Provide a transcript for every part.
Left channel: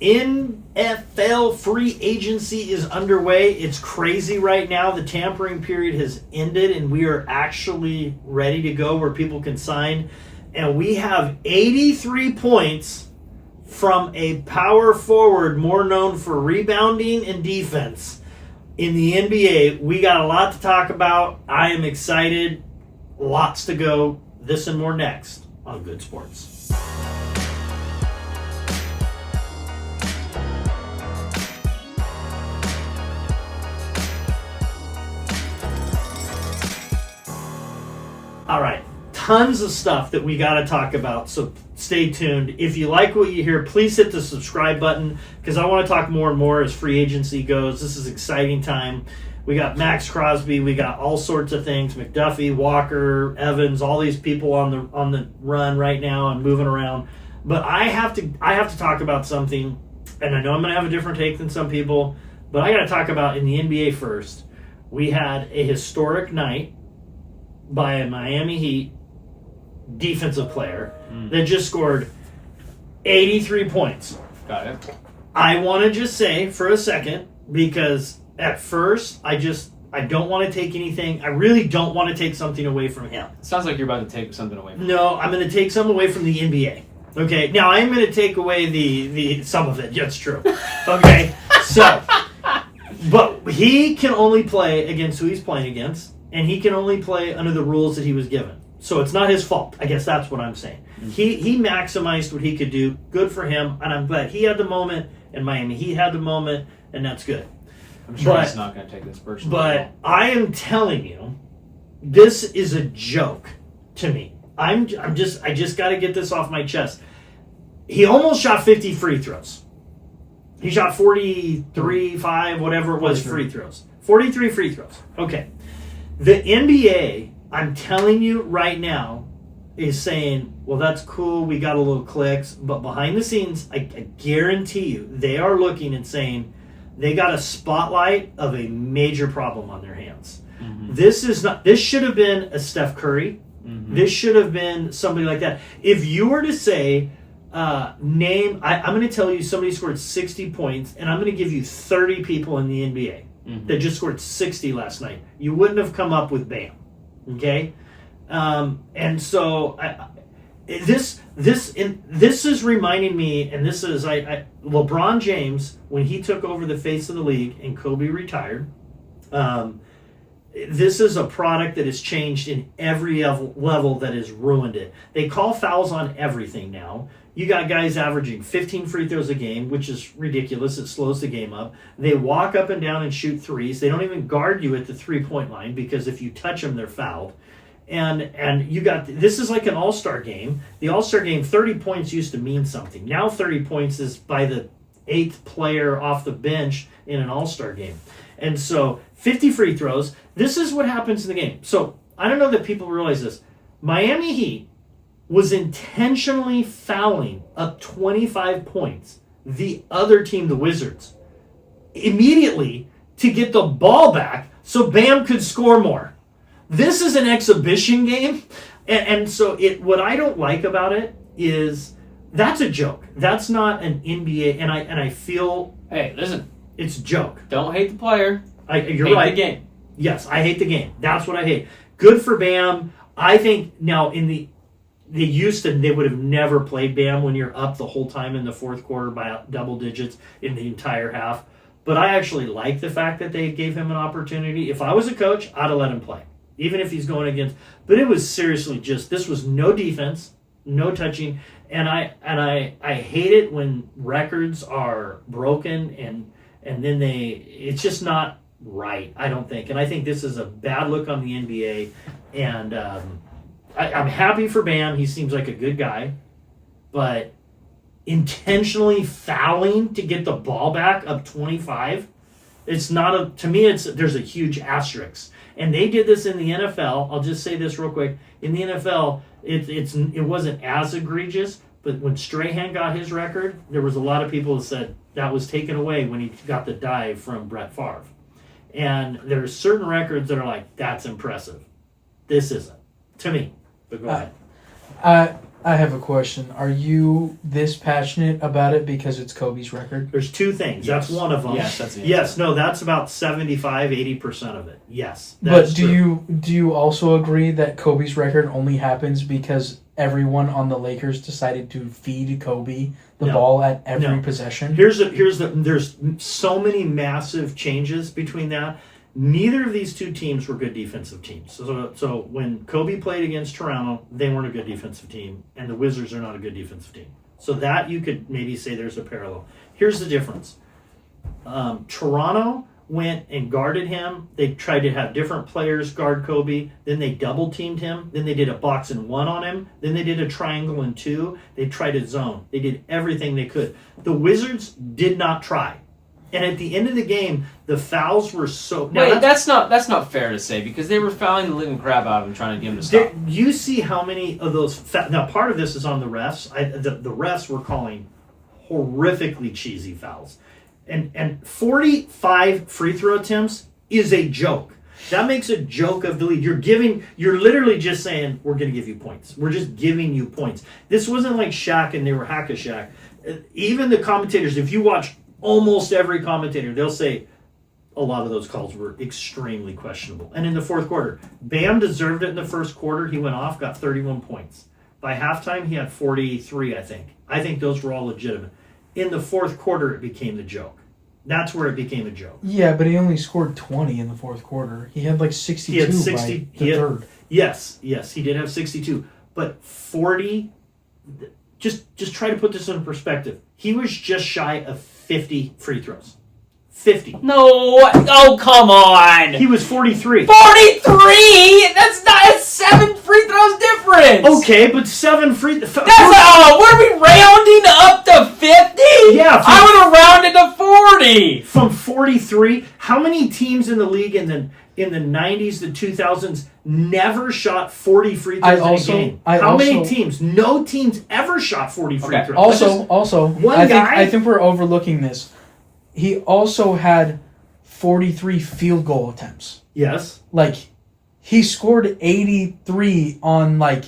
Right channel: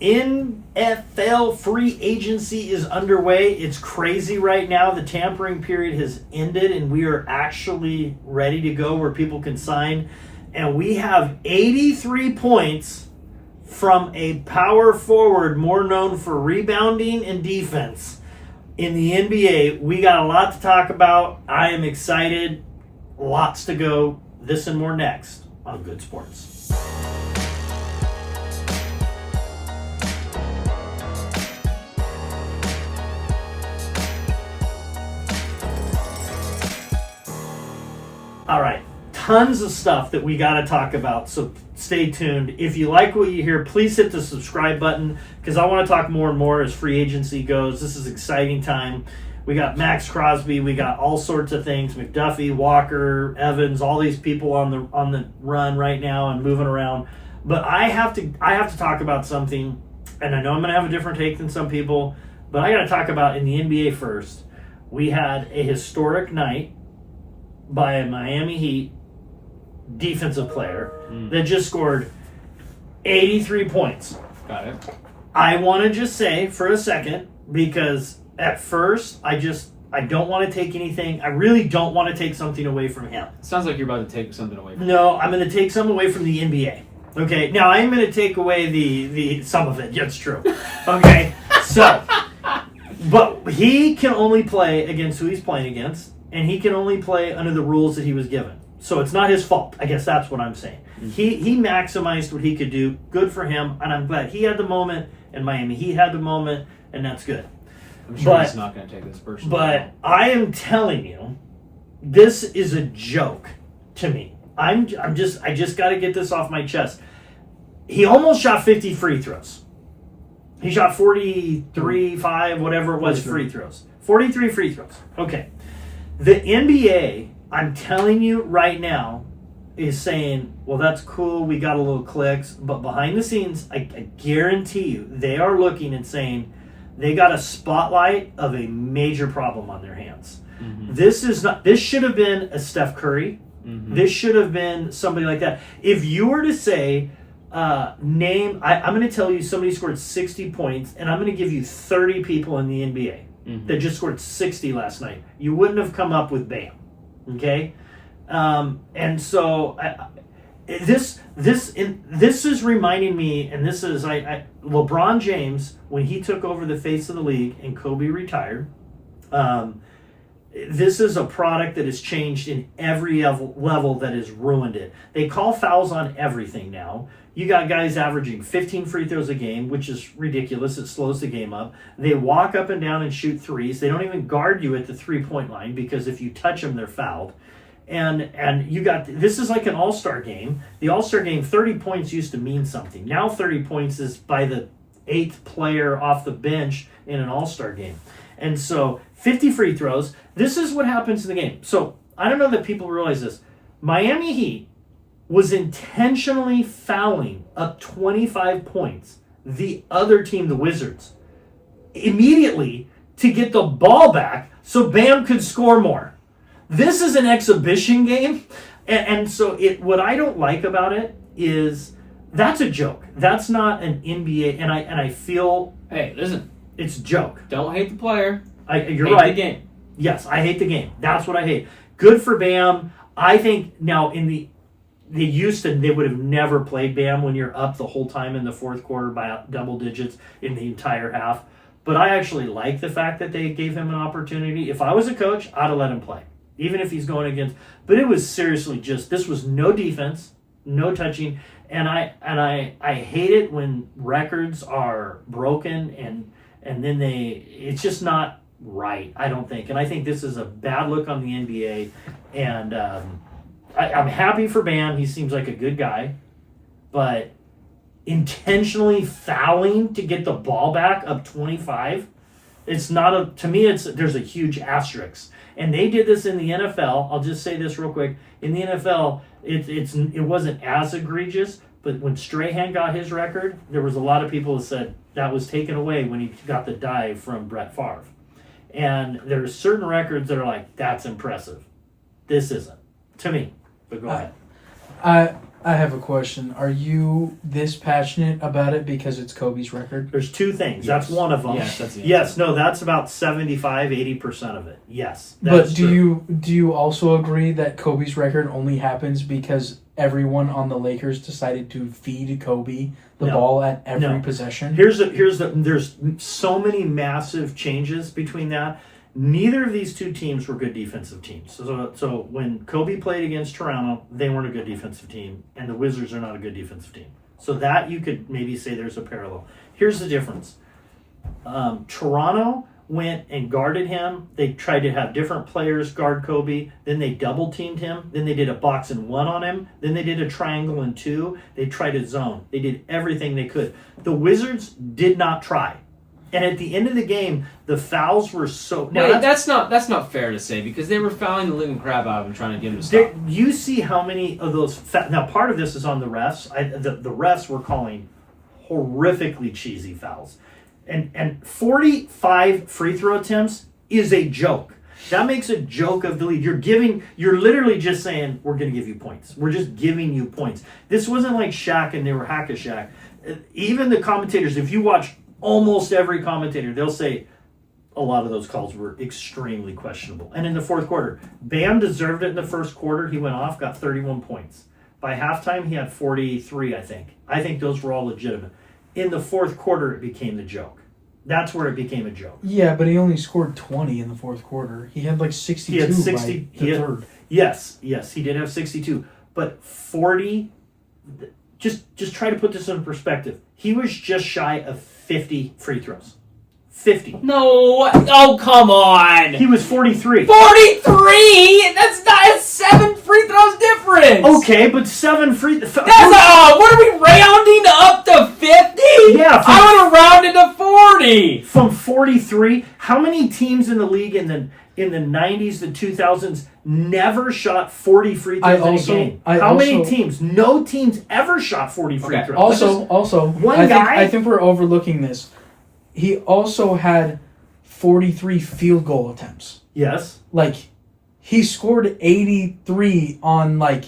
NFL free agency is underway. It's crazy right now. The tampering period has ended, and we are actually ready to go where people can sign. And we have 83 points from a power forward more known for rebounding and defense in the NBA. We got a lot to talk about. I am excited. Lots to go. This and more next on Good Sports. All right, tons of stuff that we got to talk about, so stay tuned. If you like what you hear, please hit the subscribe button because I want to talk more and more as free agency goes. This is exciting time. We got Max Crosby, we got all sorts of things, McDuffie, Walker, Evans, all these people on the run right now and moving around. But I have to talk about something, and I know I'm going to have a different take than some people, but I got to talk about in the NBA first. We had a historic night by a Miami Heat defensive player that just scored 83 points. Got it. I want to just say for a second, because at first I don't want to take anything. I really don't want to take something away from him. Sounds like you're about to take something away from him. No, I'm going to take some away from the NBA. Okay, now I'm going to take away the some of it. Yeah, it's true. Okay, so, but he can only play against who he's playing against. And he can only play under the rules that he was given. So it's not his fault. I guess that's what I'm saying. Mm-hmm. He maximized what he could do. Good for him. And I'm glad he had the moment in Miami. He had the moment, and that's good. I'm sure he's not going to take this personally. But I am telling you, this is a joke to me. I just got to get this off my chest. He almost shot 50 free throws. He shot 43, 5, whatever it was, free throws. 43 free throws. Okay. The NBA, I'm telling you right now, is saying, well, that's cool, we got a little clicks, but behind the scenes, I guarantee you, they are looking and saying they got a spotlight of a major problem on their hands. Mm-hmm. This should have been a Steph Curry. Mm-hmm. This should have been somebody like that. If you were to say, I'm going to tell you somebody scored 60 points, and I'm going to give you 30 people in the NBA. Mm-hmm. That just scored 60 last night. You wouldn't have come up with Bam, okay? And so this is reminding me, and this is LeBron James when he took over the face of the league and Kobe retired. This is a product that has changed in every level that has ruined it. They call fouls on everything now. You got guys averaging 15 free throws a game, which is ridiculous. It slows the game up. They walk up and down and shoot threes. They don't even guard you at the three-point line because if you touch them, they're fouled. And you got, this is like an all-star game. The all-star game, 30 points used to mean something. Now 30 points is by the 8th player off the bench in an all-star game. And so 50 free throws. This is what happens in the game. So I don't know that people realize this. Miami Heat was intentionally fouling up 25 points the other team, the Wizards, immediately to get the ball back so Bam could score more. This is an exhibition game. And so what I don't like about it is that's a joke. That's not an NBA. And I feel, hey, listen, it's a joke. Don't hate the player. You're hate right. The game. Yes, I hate the game. That's what I hate. Good for Bam. I think now in the Houston, they would have never played Bam when you're up the whole time in the fourth quarter by double digits in the entire half. But I actually like the fact that they gave him an opportunity. If I was a coach, I'd have let him play, even if he's going against. But it was seriously this was no defense, no touching, and I hate it when records are broken and then it's just not right. I don't think, and I think this is a bad look on the NBA, and I'm happy for Bam. He seems like a good guy, but intentionally fouling to get the ball back up 25, it's not to me, there's a huge asterisk. And they did this in the NFL. I'll just say this real quick. In the NFL, it wasn't as egregious, but when Strahan got his record, there was a lot of people that said that was taken away when he got the dive from Brett Favre. And there's certain records that are like, that's impressive. This isn't, to me. But go ahead. I have a question. Are you this passionate about it because it's Kobe's record? There's two things. Yes. That's one of them. Yes, that's the Yes, answer. no, that's about 75-80% of it. Yes. But that's do true. you also agree that Kobe's record only happens because everyone on the Lakers decided to feed Kobe the No. ball at every No. possession? There's so many massive changes between that. Neither of these two teams were good defensive teams. So when Kobe played against Toronto, they weren't a good defensive team, and the Wizards are not a good defensive team. So that you could maybe say there's a parallel. Here's the difference. Toronto went and guarded him. They tried to have different players guard Kobe. Then they double teamed him. Then they did a box and one on him. Then they did a triangle and two. They tried a zone. They did everything they could. The Wizards did not try. And at the end of the game, the fouls were so. Now Wait, that's not fair to say because they were fouling the living crap out of him, trying to get him to stop. you see how many of those. Now, part of this is on the refs. The refs were calling horrifically cheesy fouls, and 45 free throw attempts is a joke. That makes a joke of the league. You're literally just saying we're going to give you points. We're just giving you points. This wasn't like Shaq and they were hack-a-Shaq. Even the commentators, if you watch almost every commentator, they'll say a lot of those calls were extremely questionable. And in the fourth quarter, Bam deserved it in the first quarter. He went off, got 31 points. By halftime, he had 43, I think. I think those were all legitimate. In the fourth quarter, it became the joke. That's where it became a joke. Yeah, but he only scored 20 in the fourth quarter. He had like 62 He had 60. by the third. Yes, he did have 62. But 40, just try to put this in perspective. He was just shy of 50 free throws. 50. No, oh come on. He was 43. 43. That's 7 free throws difference. Okay, but 7 free. That's what are we rounding up to 50? Yeah, I would have rounded to 40. From 43. How many teams in the league in the 90s, the 2000s never shot 40 free throws in a game? How many teams? No teams ever shot 40 free Okay. throws. Also, One I guy- I think we're overlooking this. He also had 43 field goal attempts. Yes. Like, he scored 83 on like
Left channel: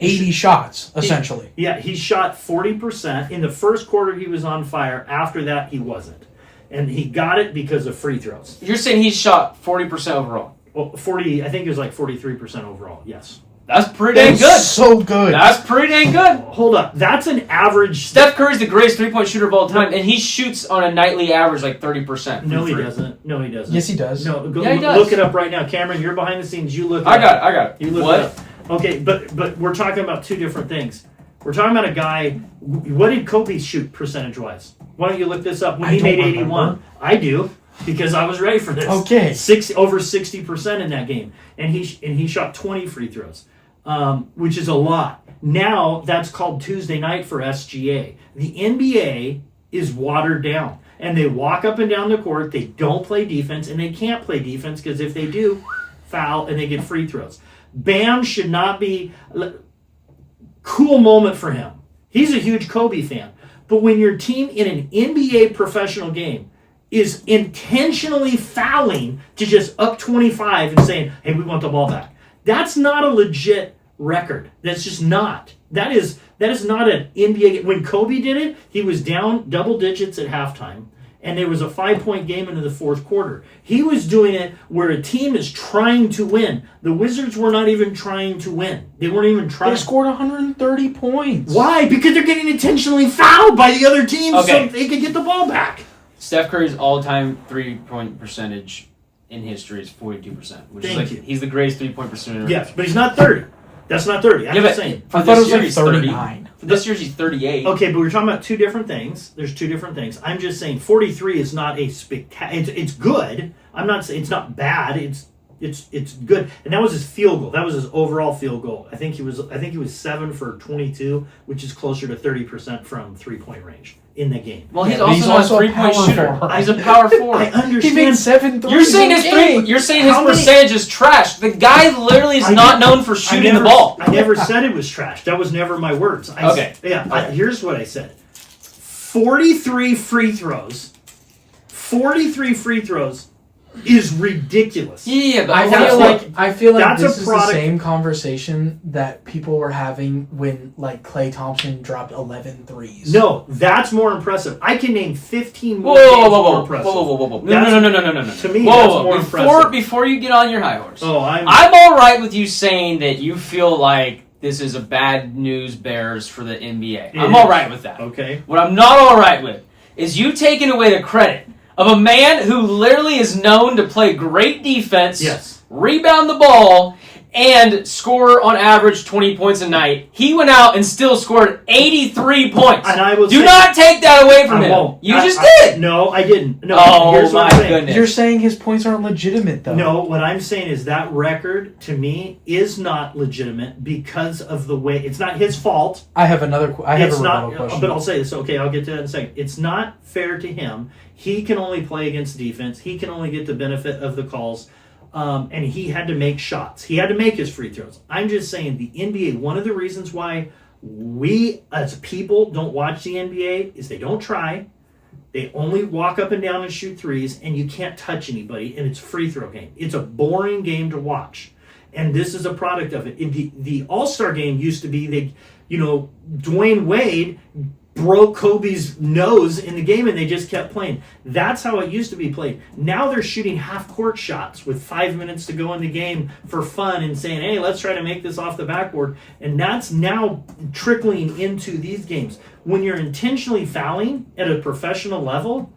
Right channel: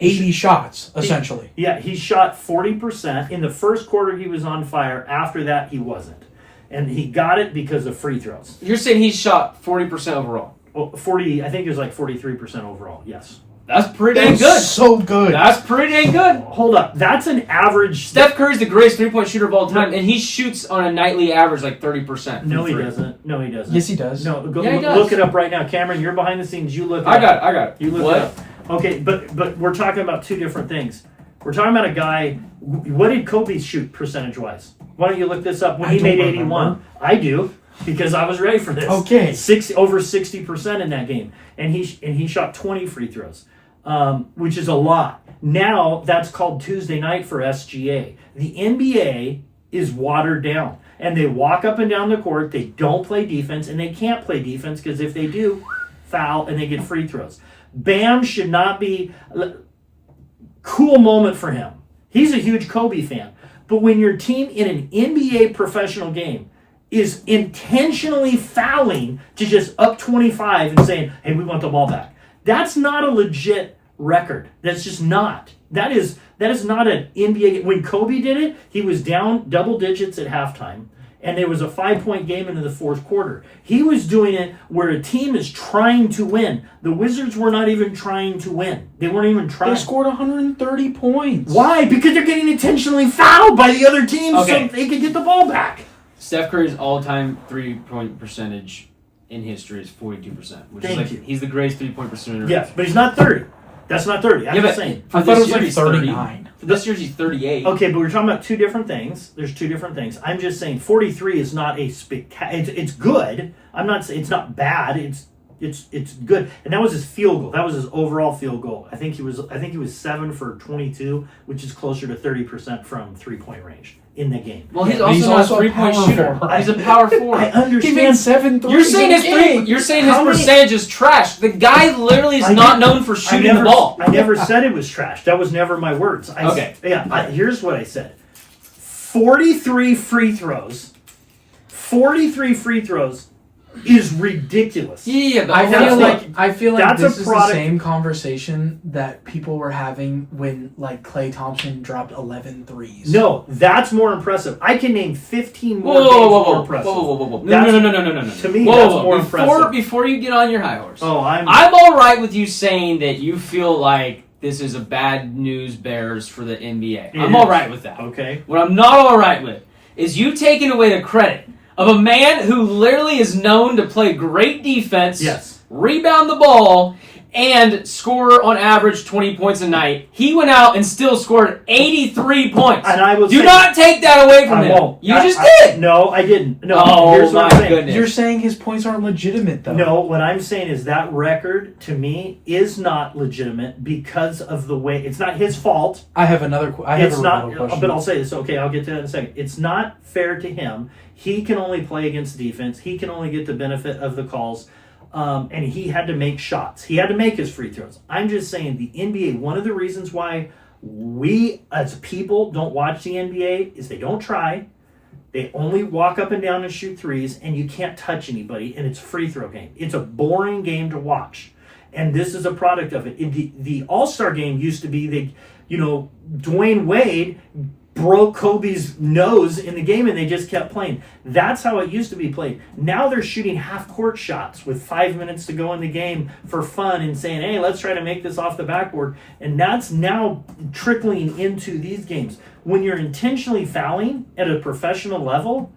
80 shots, essentially. Yeah, he shot 40%. In the first quarter, he was on fire. After that, he wasn't. And he got it because of free throws. You're saying he shot 40% overall. Well, 40, I think it was like 43% overall. Yes. That's pretty dang good. So good. That's pretty dang good. Hold up. That's an average. Steph Curry's the greatest three-point shooter of all time, and he shoots on a nightly average like 30%. No, he from three. doesn't. No, he doesn't. Yes, he does. No, go, Yeah, he does. look it up right now. Cameron, you're behind the scenes. You look it I up. got it. You look What? it up. Okay, but we're talking about two different things. We're talking about a guy. What did Kobe shoot percentage-wise? Why don't you look this up? When I he don't made remember. 81. I do, because I was ready for this. Okay. Over 60% in that game. And he shot 20 free throws. Which is a lot. Now that's called Tuesday night for SGA. The NBA is watered down, and they walk up and down the court. They don't play defense, and they can't play defense because if they do, foul and they get free throws. Bam should not be. Cool moment for him. He's a huge Kobe fan, but when your team in an NBA professional game is intentionally fouling to just up 25 and saying, "Hey, we want the ball back," that's not a legit record. That's just not. That is not an NBA. When Kobe did it, he was down double digits at halftime, and there was a 5-point game into the fourth quarter. He was doing it where a team is trying to win. The Wizards were not even trying to win. They weren't even trying. They scored 130 points. Why? Because they're getting intentionally fouled by the other team Okay. so they could get the ball back. Steph Curry's all-time three-point percentage in history is 42%, which Thank is like you. he's the greatest three-point percenter. Yes, but he's not 30. That's not 30. I'm Yeah, just but saying. for I thought this it was year like he's 30. 39. For this year he's 38. Okay, but we're talking about two different things. There's two different things. I'm just saying 43 is not a spectacular. It's good. I'm not saying it's not bad. It's good. And that was his field goal. That was his overall field goal. I think he was 7 for 22, which is closer to 30% from 3-point range in the game. Well, he's Yeah, also he's not also a a three-point power shooter. forward. He's a power I forward. He made understand. 7 threes. You're saying in his game. you're saying his How many- percentage is trash. The guy literally is I not never- known for shooting the ball. I never said it was trash. That was never my words. Okay. Here's what I said. 43 free throws. 43 free throws is ridiculous. Yeah, but I that's feel what- like that's this a is product- the same conversation that people were having when like Klay Thompson dropped 11 threes. No, that's more impressive. I can name 15 more Whoa, games whoa, whoa, more whoa, impressive. whoa, whoa, whoa, whoa! That's- No! to me, whoa, that's whoa, more before, impressive. Before you get on your high horse, Oh, I'm all right with you saying that you feel like this is a bad news bears for the NBA. I'm It all is. right with that. okay. What I'm not all right with is you taking away the credit of a man who literally is known to play great defense, Yes. rebound the ball, and score on average 20 points a night. He went out and still scored 83 points. And I will Do say- not take that away from I him. won't. You I- just I- did. No, I didn't. No. Oh, Here's what my I'm saying. goodness. You're saying his points aren't legitimate though. No, what I'm saying is that record to me is not legitimate because of the way it's not his fault. I have another. I have It's a not, rebuttal question. but I'll say this. Okay, I'll get to that in a second. It's not fair to him. He can only play against defense. He can only get the benefit of the calls, and he had to make shots. He had to make his free throws. I'm just saying the NBA. One of the reasons why we as people don't watch the NBA is they don't try. They only walk up and down and shoot threes, and you can't touch anybody, and it's a free throw game. It's a boring game to watch, and this is a product of it. The All-Star game used to be Dwayne Wade broke Kobe's nose in the game, and they just kept playing. That's how it used to be played. Now they're shooting half-court shots with 5 minutes to go in the game for fun and saying, hey, let's try to make this off the backboard, and that's now trickling into these games. When you're intentionally fouling at a professional level,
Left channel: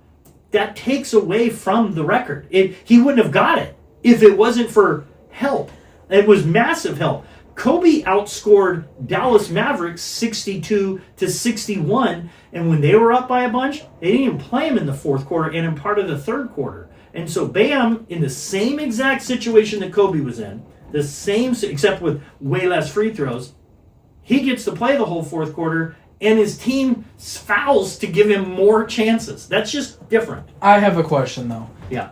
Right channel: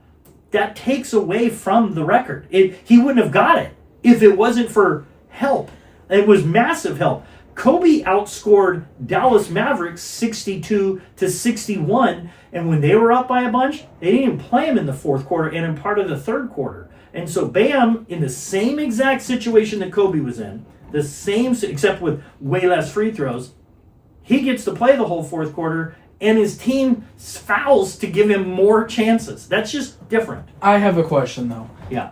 that takes away from the record. He wouldn't have got it if it wasn't for help. It was massive help. Kobe outscored Dallas Mavericks 62-61, and when they were up by a bunch, they didn't even play him in the fourth quarter and in part of the third quarter. And so Bam, in the same exact situation that Kobe was in, the same except with way less free throws, he gets to play the whole fourth quarter, and his team fouls to give him more chances. That's just different. I have a question though. Yeah.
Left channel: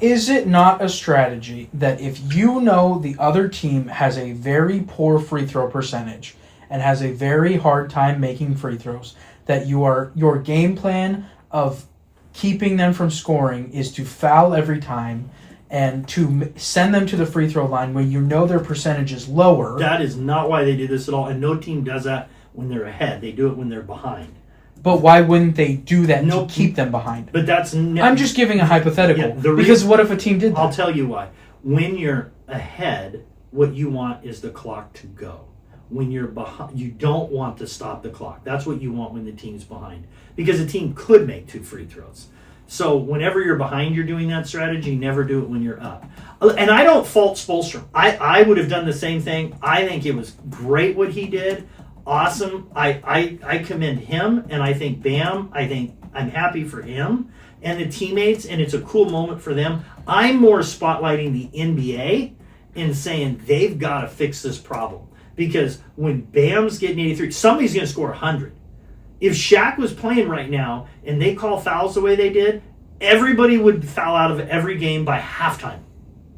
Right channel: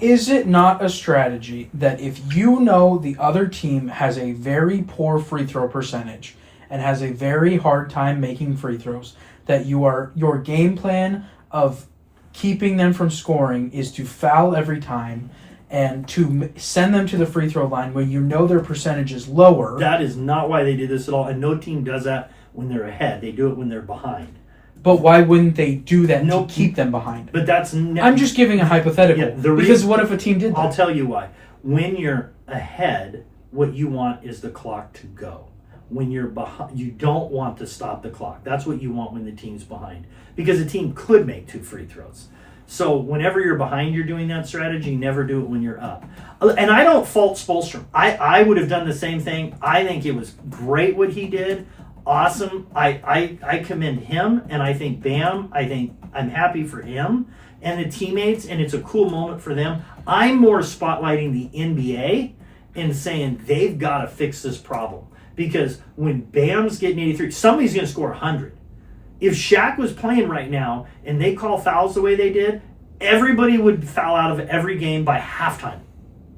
Is it not a strategy that if you know the other team has a very poor free throw percentage and has a very hard time making free throws, that your game plan of keeping them from scoring is to foul every time and to send them to the free throw line when you know their percentage is lower? That is not why they did this at all, and no team does that when they're ahead. They do it when they're behind. But why wouldn't they do that Nope. to keep them behind? But that's I'm just giving a hypothetical. Yeah, the because reason- what if a team did that? I'll tell you why. When you're ahead, what you want is the clock to go. When you're behind, you don't want to stop the clock. That's what you want when the team's behind, because a team could make 2 free throws. So whenever you're behind, you're doing that strategy. Never do it when you're up. And I don't fault Spoelstra. I would have done the same thing. I think it was great what he did. Awesome. I commend him, and I think Bam. I'm happy for him and the teammates, and it's a cool moment for them. I'm more spotlighting the NBA and saying they've got to fix this problem, because when Bam's getting 83, somebody's going to score 100. If Shaq was playing right now and they call fouls the way they did, everybody would foul out of every game by halftime.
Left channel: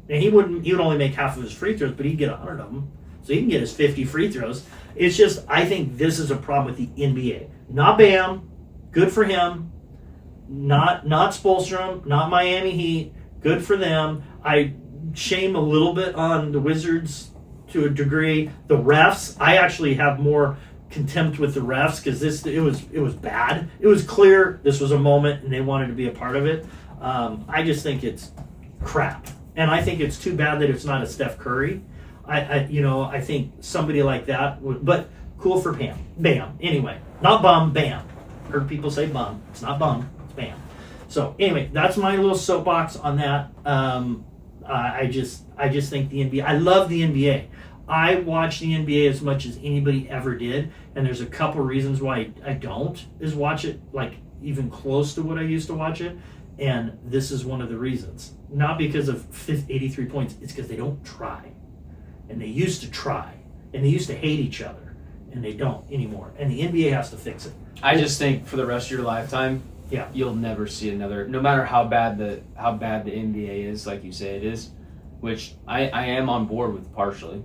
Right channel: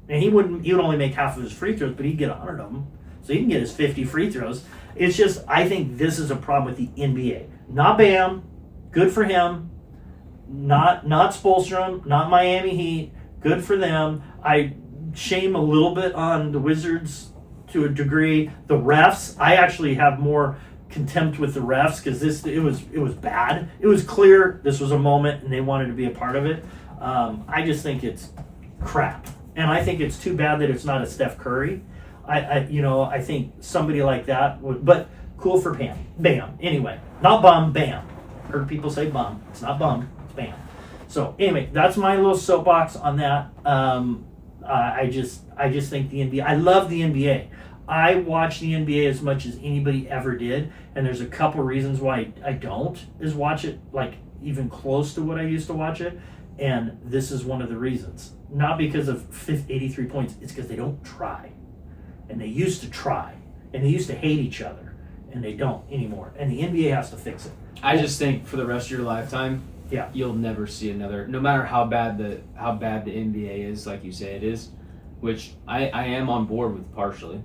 And he would only make half of his free throws, but he'd get 100 of them. So he can get his 50 free throws. It's just, I think this is a problem with the NBA. Not Bam. Good for him. Not Spoelstra. Not Miami Heat. Good for them. I shame a little bit on the Wizards to a degree. The refs, I actually have more contempt with the refs, because it was bad. It was clear this was a moment and they wanted to be a part of it. I just think it's crap, and I think it's too bad that it's not a Steph Curry. I think somebody like that would, but cool for Bam. Anyway, not Bum, Bam. Heard people say Bum. It's not Bum, it's Bam. So anyway, that's my little soapbox on that. I just think the NBA. I love the NBA. I watch the NBA as much as anybody ever did, and there's a couple reasons why I don't is watch it like even close to what I used to watch it, and this is one of the reasons. Not because of 83 points, it's because they don't try, and they used to try, and they used to hate each other, and they don't anymore, and the NBA has to fix it. I just think for the rest of your lifetime, Yeah. you'll never see another. No matter how bad the NBA is, like you say it is, which I am on board with partially.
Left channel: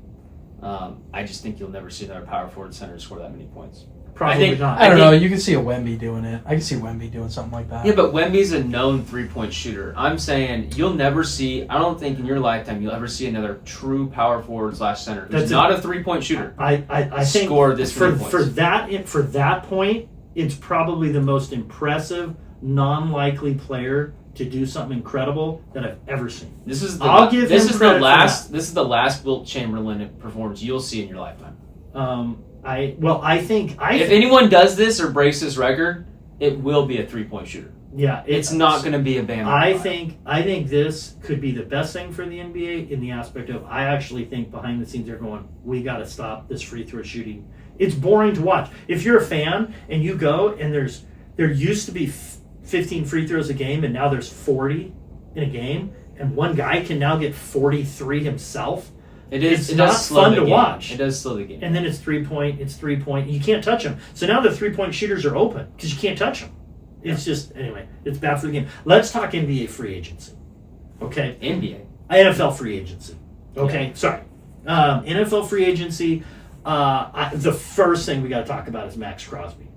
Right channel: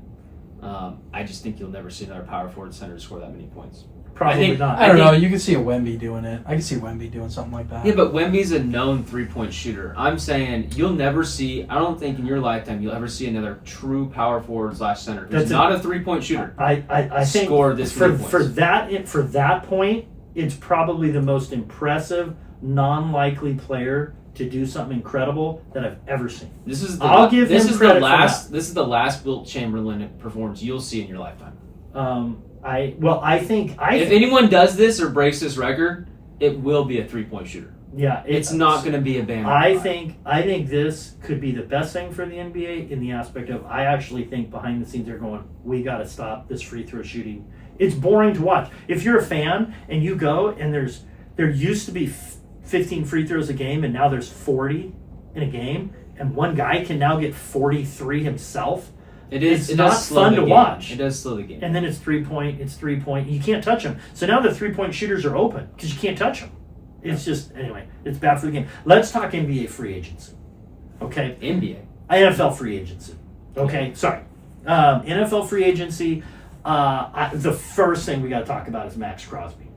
I just think you'll never see another power forward center score that many points. Probably think- not. I don't think- know. You can see a Wemby doing it. I can see Wemby doing something like that. Yeah, but Wemby's a known 3-point shooter. I'm saying you'll never see. I don't think in your lifetime you'll ever see another true power forward / center who's That's not a 3-point shooter. I think Score this for many points. for that point, it's probably the most impressive, non-likely player to do something incredible that I've ever seen. This is the I'll give this him is credit the for last this is the last Wilt Chamberlain performance you'll see in your lifetime. I think If anyone does this or breaks this record, it will be a 3-point shooter. yeah, It's not going to be a Bam. I think this could be the best thing for the NBA in the aspect of I actually think behind the scenes they're going, we got to stop this free throw shooting. It's boring to watch. If you're a fan and you go and there used to be 15 free throws a game and now there's 40 in a game and one guy can now get 43 himself. It's not fun to watch. It does slow the game. And then it's 3-point. You can't touch them. So now the 3-point shooters are open because you can't touch them. It's just, anyway, it's bad for the game. Let's talk NBA free agency. Okay? NBA. NFL free agency. Okay? Sorry. NFL free agency, the first thing we got to talk about is Max Crosby.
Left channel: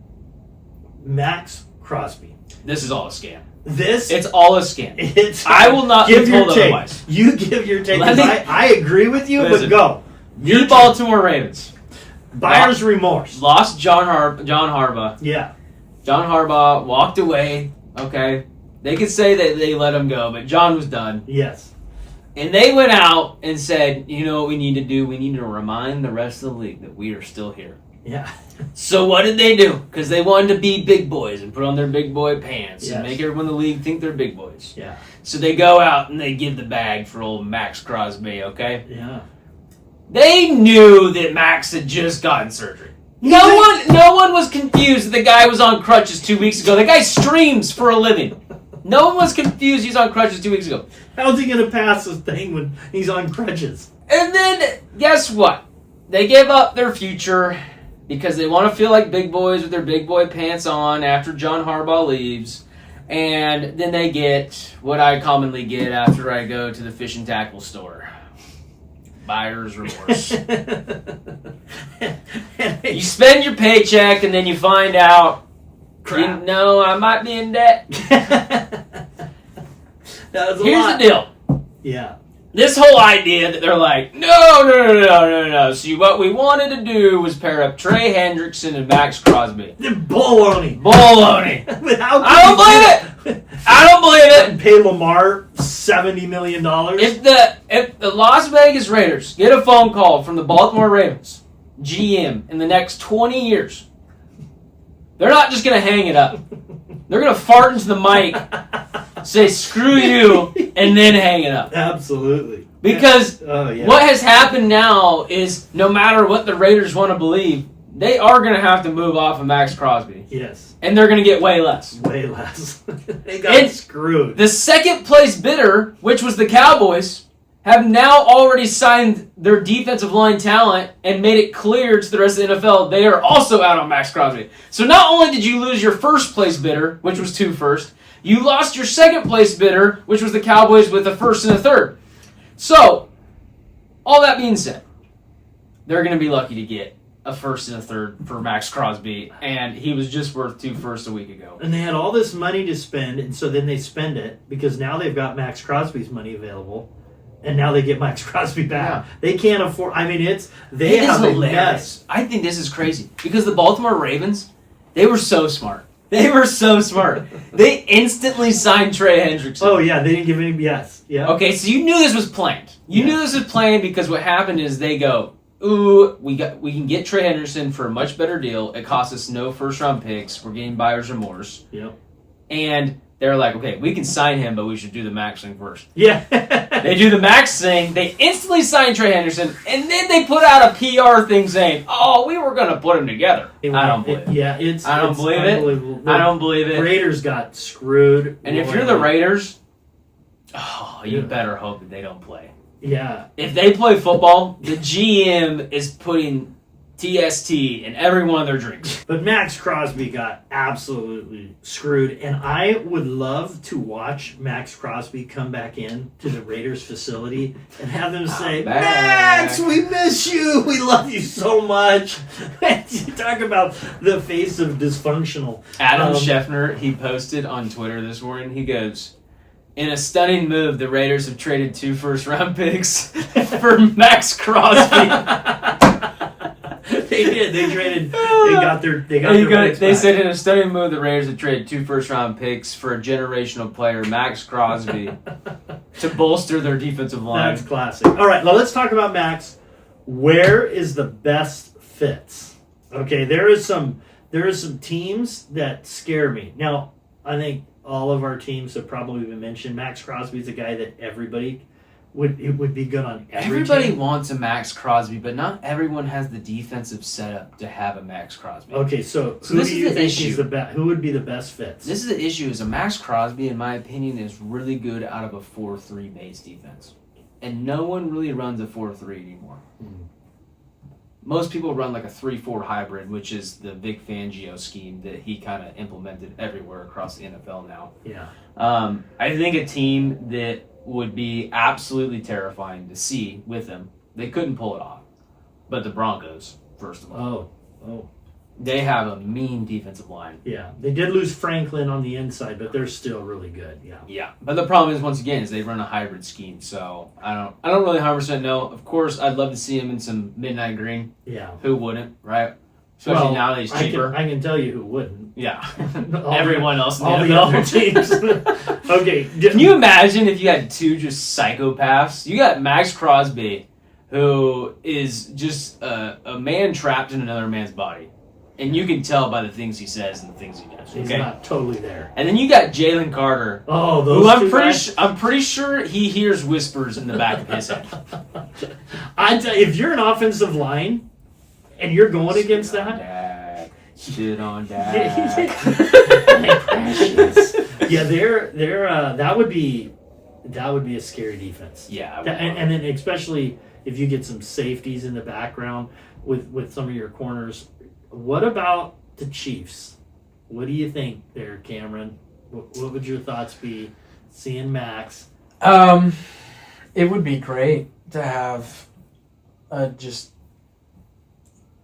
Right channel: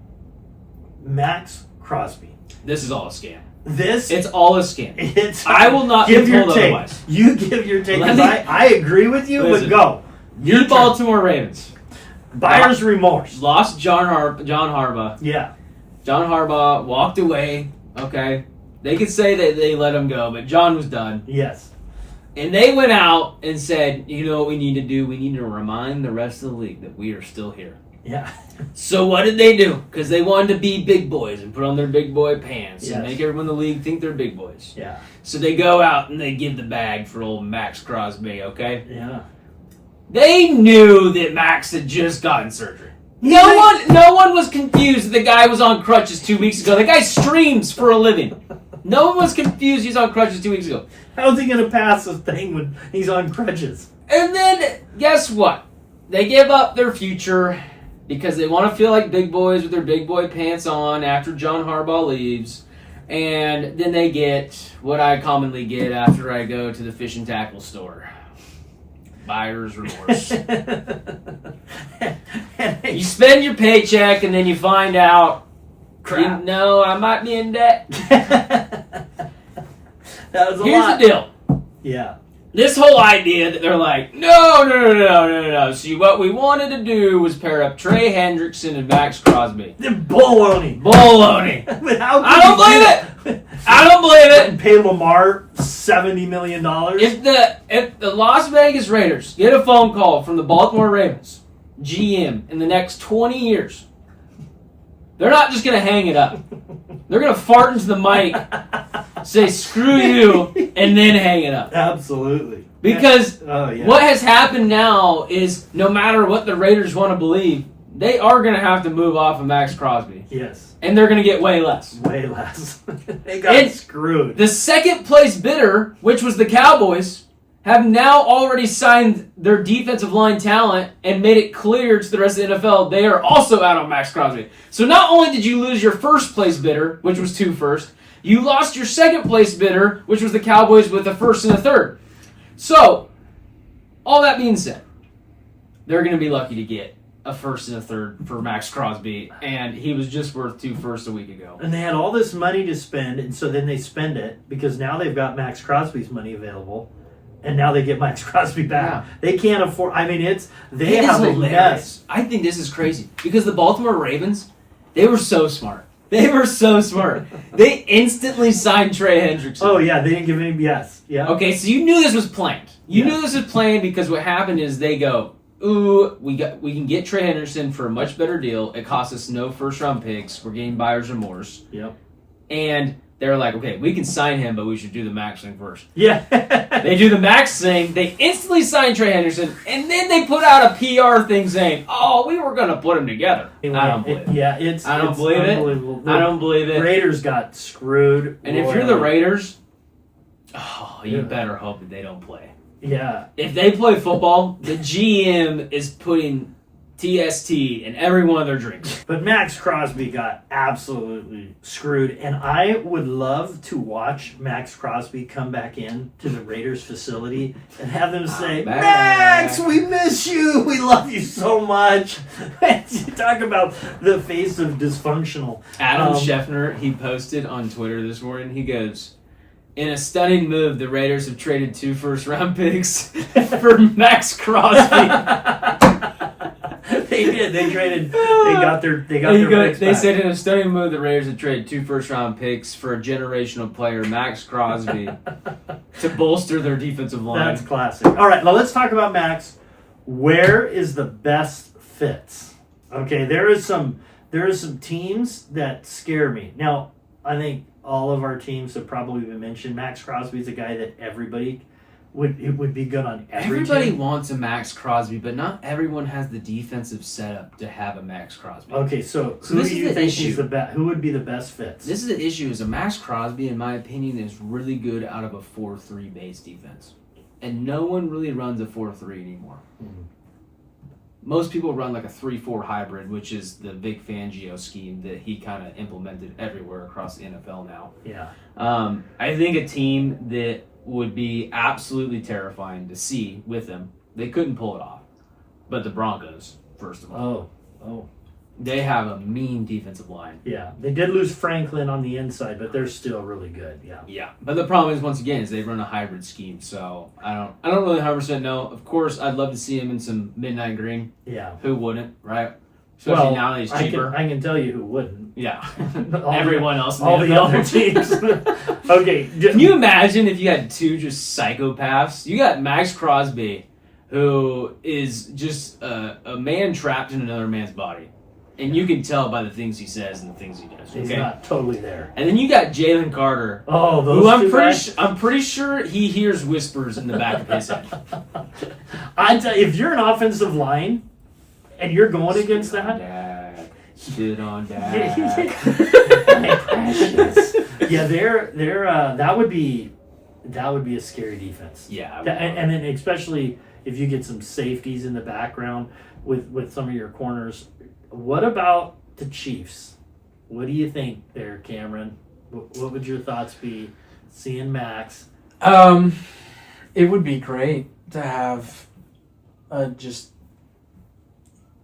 Max Crosby. This is all a scam. It's all a scam. it's I will not give be your told take. otherwise. You give your take. Let 'Cause me- I agree with you, Listen. but go. The Baltimore Ravens Buyer's remorse. lost John Harbaugh. Yeah. John Harbaugh walked away. Okay, they could say that they let him go, but John was done. Yes. And they went out and said, you know what we need to do? We need to remind the rest of the league that we are still here. Yeah. So what did they do? Because they wanted to be big boys and put on their big boy pants Yes. and make everyone in the league think they're big boys. Yeah. So they go out and they give the bag for old Max Crosby, okay? Yeah. They knew that Max had just gotten surgery. No one was confused that the guy was on crutches 2 weeks ago. The guy streams for a living. No one was confused he's on crutches 2 weeks ago. How's he going to pass this thing when he's on crutches? And then, guess what? They give up their future because they want to feel like big boys with their big boy pants on after John Harbaugh leaves. And then they get what I commonly get after I go to the fish and tackle store. Buyer's remorse. You spend your paycheck and then you find out, Crap. you know, I might be in debt. That was a Here's lot. the deal. Yeah. This whole idea that they're like, no. See, what we wanted to do was pair up Trey Hendrickson and Max Crosby. The baloney. Baloney. How I don't believe it. I don't believe And it. pay Lamar $70 million. If the Las Vegas Raiders get a phone call from the Baltimore Ravens GM in the next 20 years, they're not just going to hang it up. They're going to fart into the mic, say screw you, and then hang it up. Absolutely. Because yeah. what has happened now is no matter what the Raiders want to believe, they are going to have to move off of Max Crosby. Yes. And they're going to get way less. Way less. They got And screwed. The second place bidder, which was the Cowboys, have now already signed their defensive line talent and made it clear to the rest of the NFL they are also out on Max Crosby. So not only did you lose your first place bidder, which was 2 firsts, you lost your second place bidder, which was the Cowboys with a first and a third. So, all that being said, they're going to be lucky to get a first and a third for Max Crosby, and he was just worth 2 firsts a week ago. And they had all this money to spend, and so then they spend it because now they've got Max Crosby's money available, and now they get Max Crosby back. Yeah. They can't afford. I mean, they It is have a hilarious. mess. I think this is crazy because the Baltimore Ravens, they were so smart. They were so smart. They instantly signed Trey Hendrickson. Oh yeah, they didn't give any. Yes, yeah. Okay, so you knew this was planned. You knew this was planned because what happened is they go, ooh, we can get Trey Henderson for a much better deal. It costs us no first round picks. We're getting buyer's remorse. Yep. And they're like, okay, we can sign him, but we should do the max thing first. Yeah. They do the max thing. They instantly sign Trey Henderson, and then they put out a PR thing saying, "Oh, we were going to put him together." I don't believe it. Yeah, I don't believe it. unbelievable. I don't believe The it. Raiders got screwed. And if you're the royally. Raiders, you Yeah. better hope that they don't play. Yeah. If they play football, the GM is putting TST in every one of their drinks. But Max Crosby got absolutely screwed, and I would love to watch Max Crosby come back in to the Raiders facility and have them say, back. Max, we miss you. We love you so much. Talk about the face of dysfunctional. Adam Scheffner, he posted on Twitter this morning, he goes, in a stunning move, the Raiders have traded 2 first-round picks for Max Crosby. They did. They traded. They got their picks They back. said in a stunning move, the Raiders have traded 2 first-round picks for a generational player, Max Crosby, to bolster their defensive line. That's classic. All right, now let's talk about Max. Where is the best fits? Okay, there is some teams that scare me. Now, I think all of our teams have probably been mentioned. Max Crosby's a guy that everybody would be good on every Everybody team. wants a Max Crosby, but not everyone has the defensive setup to have a Max Crosby. Okay, so So who this do is you the think issue. is the best? Who would be the best fits? This is the issue, is a Max Crosby, in my opinion, is really good out of a 4-3 base defense. And no one really runs a 4-3 anymore. Hmm. Most people run like a 3-4 hybrid, which is the Vic Fangio scheme that he kind of implemented everywhere across the NFL now. Yeah. I think a team that would be absolutely terrifying to see with him, they couldn't pull it off. But the Broncos, first of all. Oh. They have a mean defensive line. Yeah, they did lose Franklin on the inside, but they're still really good. Yeah. Yeah, but the problem is, once again, is they run a hybrid scheme. So I don't really 100% know. Of course, I'd love to see him in some midnight green. Yeah. Who wouldn't, right? Especially now that he's cheaper. I can tell you who wouldn't. Yeah, All everyone else in All the the NFL. other teams. Okay. Can you imagine if you had 2 just psychopaths? You got Max Crosby, who is just a man trapped in another man's body. And you can tell by the things he says and the things he does. He's Okay? not totally there. And then you got Jalen Carter, Oh, who those two guys. I'm pretty sure he hears whispers in the back of his head. I tell you, if you're an offensive line and you're going against that, Shit on Dak. precious. Yeah, they're that would be a scary defense. Yeah. And then especially if you get some safeties in the background with some of your corners. What about the Chiefs? What do you think there, Cameron? What would your thoughts be seeing Max? It would be great to have a just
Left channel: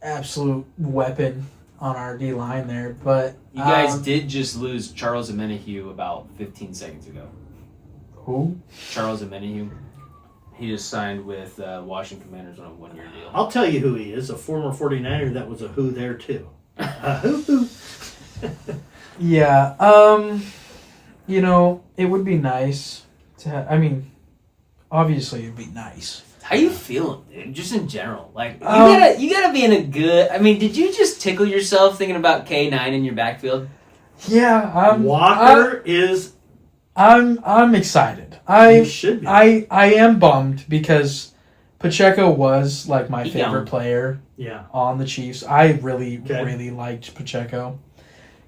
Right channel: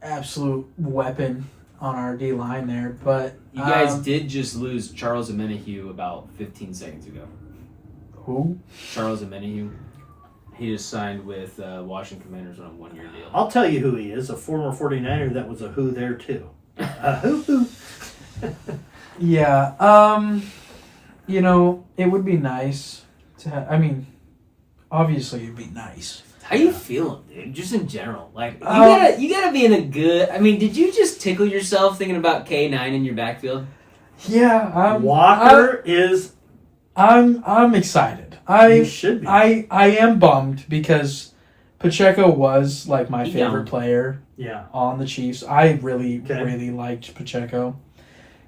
absolute weapon on our D line there, but You guys did just lose Charles Omenihu about 15 seconds ago. who? Charles Omenihu. He just signed with Washington Commanders on a 1-year deal. I'll tell you who he is, a former 49er that was a who there too. A who. Yeah, it would be nice to obviously it'd be nice. How you feeling, dude? Just in general, like you Um, gotta be in a good. I mean, did you just tickle yourself thinking about K9 in your backfield? Yeah, Walker is. I'm excited. You should be. I am bummed because Pacheco was like my He favorite down. player Yeah. on the Chiefs. I really, Okay. really liked Pacheco.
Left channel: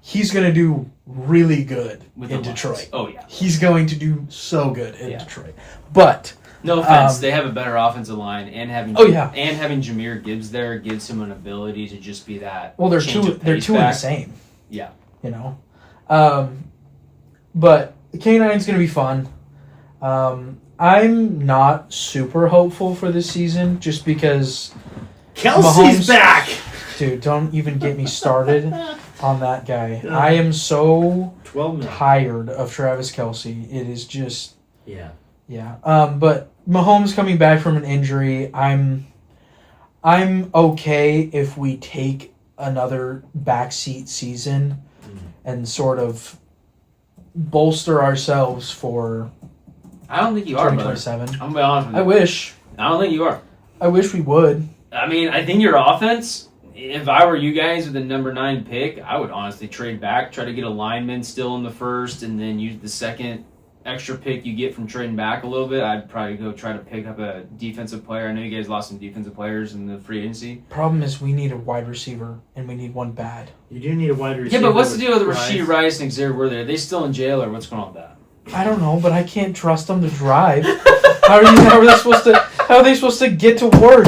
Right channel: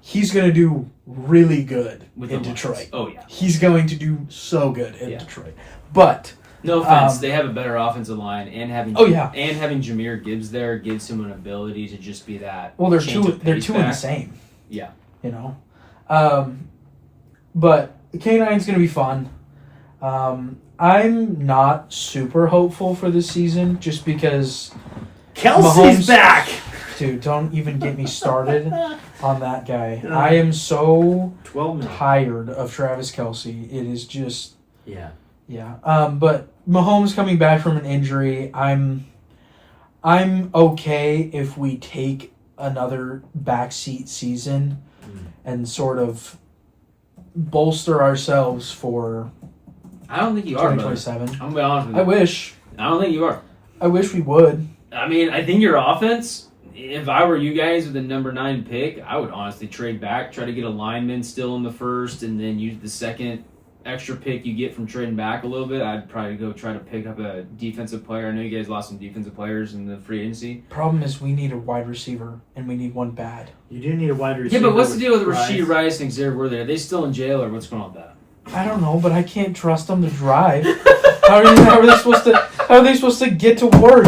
He's going to do really good With in the Lions. Detroit. Oh yeah. He's going to do so good in Yeah. Detroit. But No offense, Um, they have a better offensive line, and having having Jameer Gibbs there gives him an ability to just be that. well, they're change two of in pace the back. same. Yeah. You know. But K9's going to be fun. I'm not super hopeful for this season just because Kelsey's Mahomes- back. dude, don't even get me started on that guy. Yeah. I am so 12 minutes. tired of Travis Kelsey. It is just, Yeah. yeah. But Mahomes coming back from an injury, I'm okay if we take another backseat season and sort of bolster ourselves for I don't think you are, brother. 2027. I'm gonna be honest with you. I wish. I don't think you are. I wish we would. I mean, I think your offense. If I were you guys with the number 9 pick, I would honestly trade back, try to get a lineman still in the first, and then use the second extra pick you get from trading back a little bit. I'd probably go try to pick up a defensive player. I know you guys lost some defensive players in the free agency. Problem is, we need a wide receiver, and we need one bad. You do need a wide receiver. Yeah, but what's the deal with Rice. Rashee Rice and Xavier Worthy? Are they still in jail, or what's going on with that? I don't know, but I can't trust them to drive. How are they supposed to get to work?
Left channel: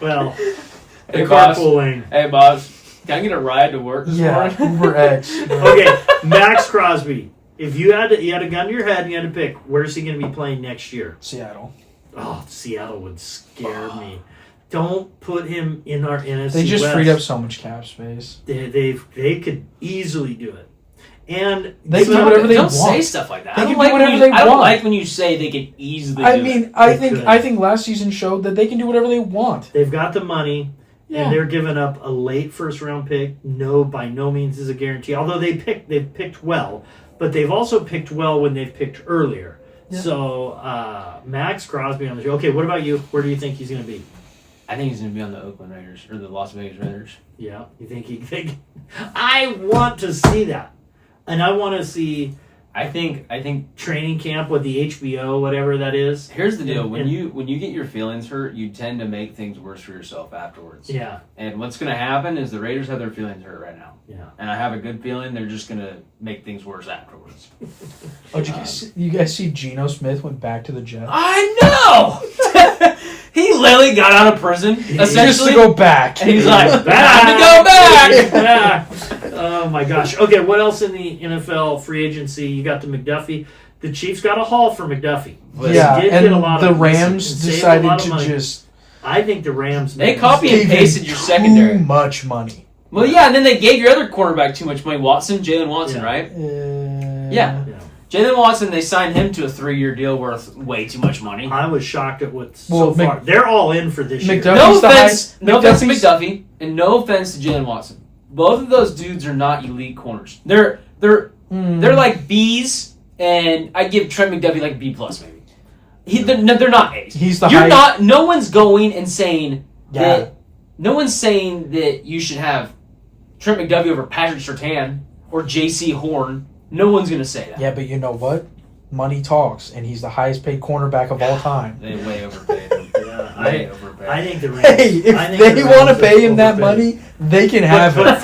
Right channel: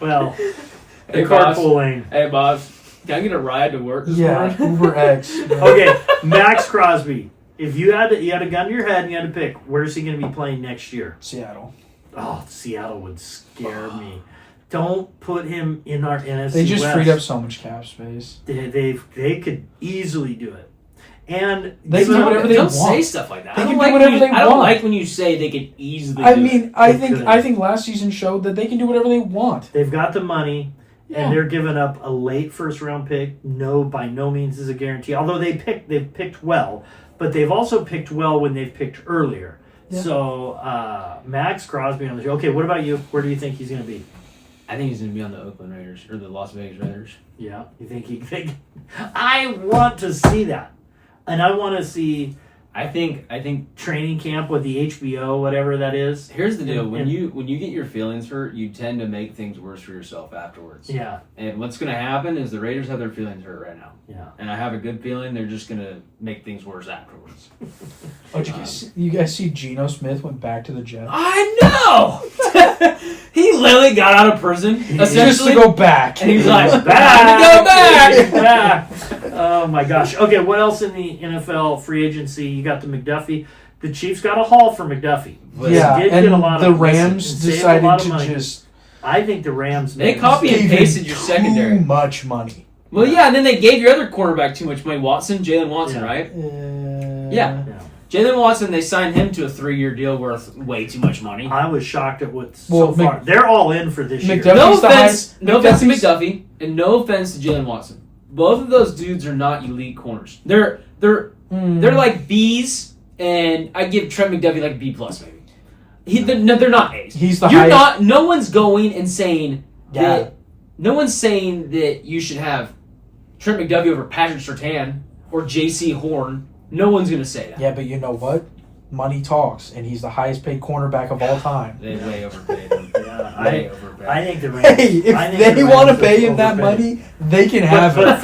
Well, Hey, the boss. carpooling. Hey, boss. Can I get a ride to work this Yeah, morning? Uber X. Okay, Max Crosby. If you had a gun to your head and you had to pick, where's he going to be playing next year? Seattle. Oh, Seattle would scare me. Don't put him in our NFC They just West. freed up so much cap space. They could easily do it. And They can do whatever they Don't want. say stuff like that. They I can don't do like when whatever you. they I don't want. like when you say they can easily. I do mean, it. I They think could. I think last season showed that they can do whatever they want. they've got the money, Yeah. and they're giving up a late first round pick. No, by no means is a guarantee. Although they've picked well, but they've also picked well when they've picked earlier. Yeah. So Max Crosby on the show. Okay, what about you? Where do you think he's going to be? I think he's going to be on the Oakland Raiders or the Las Vegas Raiders. Yeah, you think he think? I want to see that, and I want to see I think training camp with the HBO, whatever that is. here's the deal: And- when and- you get your feelings hurt, you tend to make things worse for yourself afterwards. Yeah, And what's going to happen is the Raiders have their feelings hurt right now, yeah. and I have a good feeling they're just going to make things worse afterwards. Oh, you guys see Geno Smith went back to the Jets? I know. He literally got out of prison Just essentially, to go back. and he's like, He's "Time to go back." He's back. Oh my gosh. Okay, what else in the NFL free agency? You got the McDuffie. The Chiefs got a haul for McDuffie. Yeah, They did and get a lot the of Rams and saved a decided lot of to money. just I think the Rams. They made copy and gave pasted him your secondary. Too much money. Well, yeah, and then they gave your other quarterback too much money, Jalen Watson, Yeah. right? Yeah. Yeah. Jalen Watson, they signed him to a 3-year deal worth way too much money. I was shocked at what's Well, so far. They're all in for this year. McDuffie- No He's the offense, high- no offense to McDuffie's- McDuffie, and no offense to Jalen Watson. Both of those dudes are not elite corners. They're like B's, and I give Trent McDuffie like a B plus maybe. They're not A's. He's the You're highest- not. No one's going and saying Yeah. that. No one's saying that you should have Trent McDuffie over Patrick Surtain or J.C. Horn. No one's gonna say that. Yeah, but you know what? Money talks, and he's the highest paid cornerback of all time. They way overpaid him. Yeah, Way overpaid. I think the Rams. Hey, if I think they the want to Rams pay him that overpaid. money, they can have But,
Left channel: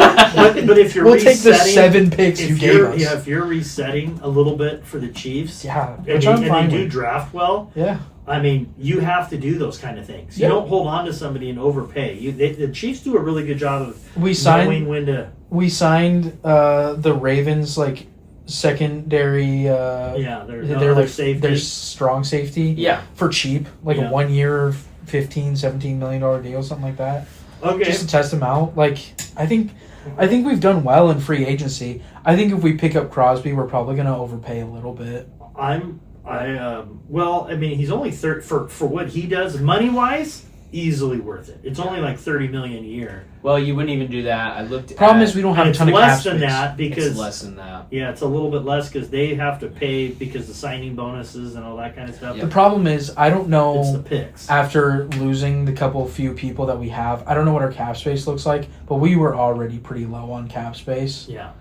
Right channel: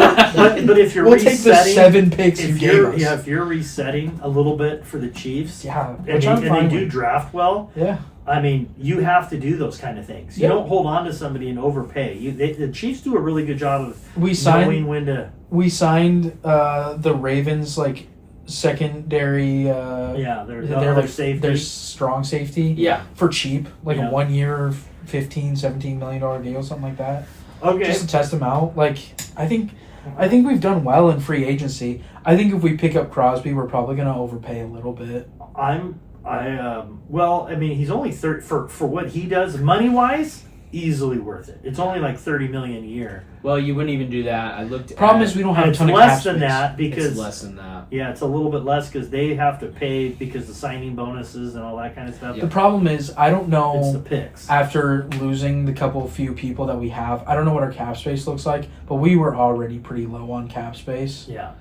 it. but if you're We'll take the resetting, 7 picks you if gave you're us. if you're resetting a little bit for the Chiefs, Yeah, and which they, I'm and they fine do with. draft well, Yeah, I mean, you have to do those kind of things. You Yeah. don't hold on to somebody and overpay. The Chiefs do a really good job of we knowing signed. when to. We signed the Ravens like secondary. Yeah, there's they're other like safety. their strong safety. Yeah. For cheap, like Yeah. a 1 year, $15-17 million deal, something like that. Okay. Just to test them out. Like I think we've done well in free agency. I think if we pick up Crosby, we're probably going to overpay a little bit. Well, I mean, he's only for what he does money wise, easily worth it. It's only like $30 million a year. Well, you wouldn't even do that. I looked. Problem at, is we don't And have a it's ton of less cap than space. that because it's less than that. yeah, it's a little bit less because they have to pay because the signing bonuses and all that kind of stuff. The problem is I don't know. It's the picks. After losing the few people that we have, I don't know what our cap space looks like, but we were already pretty low on cap space. Yeah.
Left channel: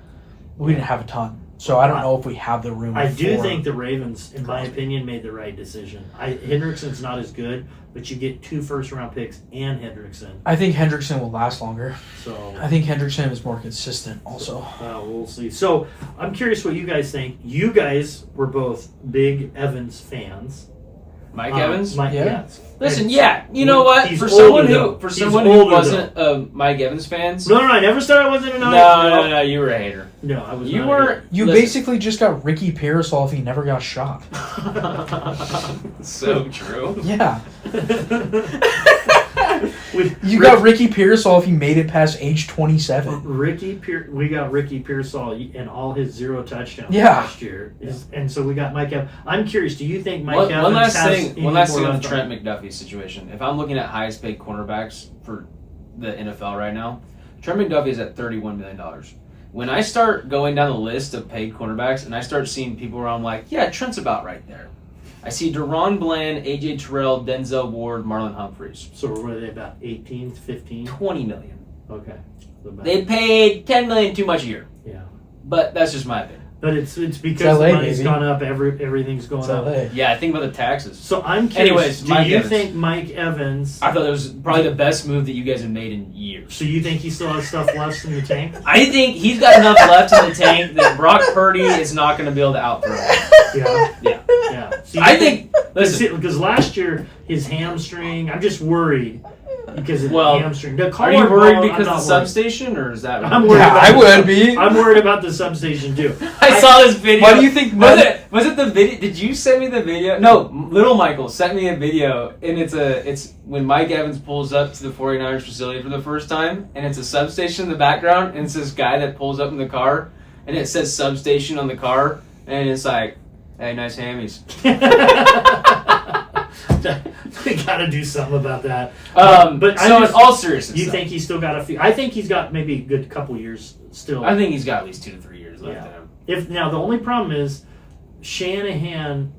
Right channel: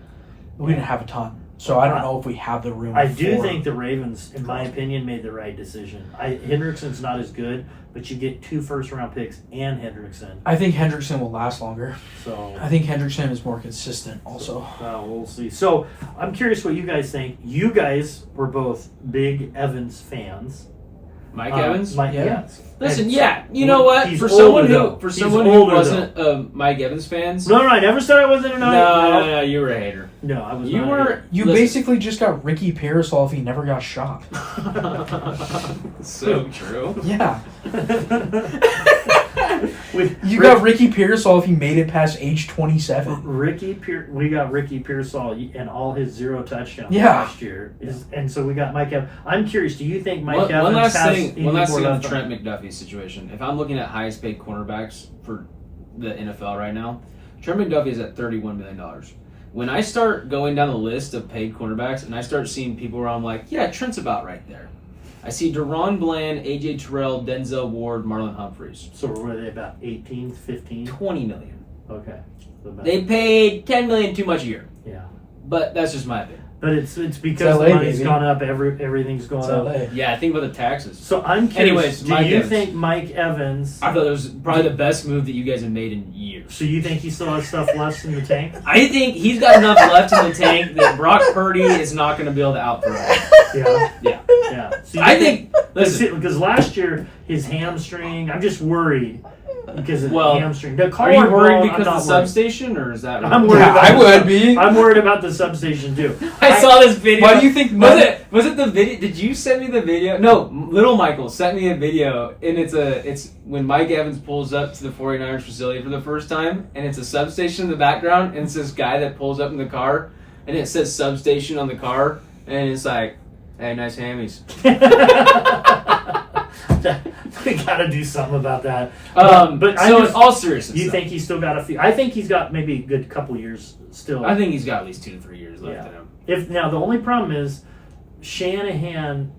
We didn't have a ton, so I don't know if we have the room. I do for- think the Ravens, in my opinion, made the right decision. Hendrickson's not as good, but you get 2 first-round picks and Hendrickson. I think Hendrickson will last longer. So I think Hendrickson is more consistent, also. we'll see. So I'm curious what you guys think. You guys were both big Evans fans. Mike Evans. Yeah. Yes. Listen, And yeah, you know what? he's For someone older, though. who He's who older, wasn't a Mike Evans fans. No, I never said I wasn't a No, you were a hater. No, I was You not. were. You listen. basically just got Ricky Parasol if he never got shot. So true. Yeah. With You got Ricky Parasol if he made it past age 27. we got Ricky Pearsall and all his 0 touchdowns Yeah. last year, and so we got Mike Evans. I'm curious. Do you think Mike Evans One last has thing. any One last more thing on left the Trent McDuffie situation. If I'm looking at highest paid cornerbacks for the NFL right now, Trent McDuffie is at $31 million. When I start going down the list of paid cornerbacks and I start seeing people where I'm like, yeah, Trent's about right there. I see Deron Bland, AJ Terrell, Denzel Ward, Marlon Humphreys. So were they about 18, 15? 20 million. Okay. So about- They paid 10 million too much a year. yeah. But that's just my opinion. But it's because LA, the money's baby. gone up. Everything's going It's up. LA. Yeah, think about the taxes. So I'm curious. Anyways, do Mike you Evans. think Mike Evans? I thought that was probably the best move that you guys have made in years. So you think he still has stuff left in the tank? I think he's got enough left in the tank that Brock Purdy is not going to be able to outthrow him. Yeah. Yeah. Yeah. So you I think, listen, because last year his hamstring. I'm just worried because of Well, the hamstring. The Are you collarbone, worried I'm because not of the worried. substation, or is that? I'm worried about. I the would be. I'm worried about the substation too. I saw this video. Why do you think? Was it the video? Did you send me the video? No, Little Michael sent me a video, and it's when Mike Evans pulls up to the 49ers facility for the first time, and it's a substation in the background, and it's this guy that pulls up in the car, and it says substation on the car, and it's like, hey, nice hammies. We got to do something about that. But I so just- in all seriousness, You though, think he's still got a few? I think he's got maybe a good couple years still. I think he's got at least 2 to 3 years left Yeah. in him. If now the only problem is Shanahan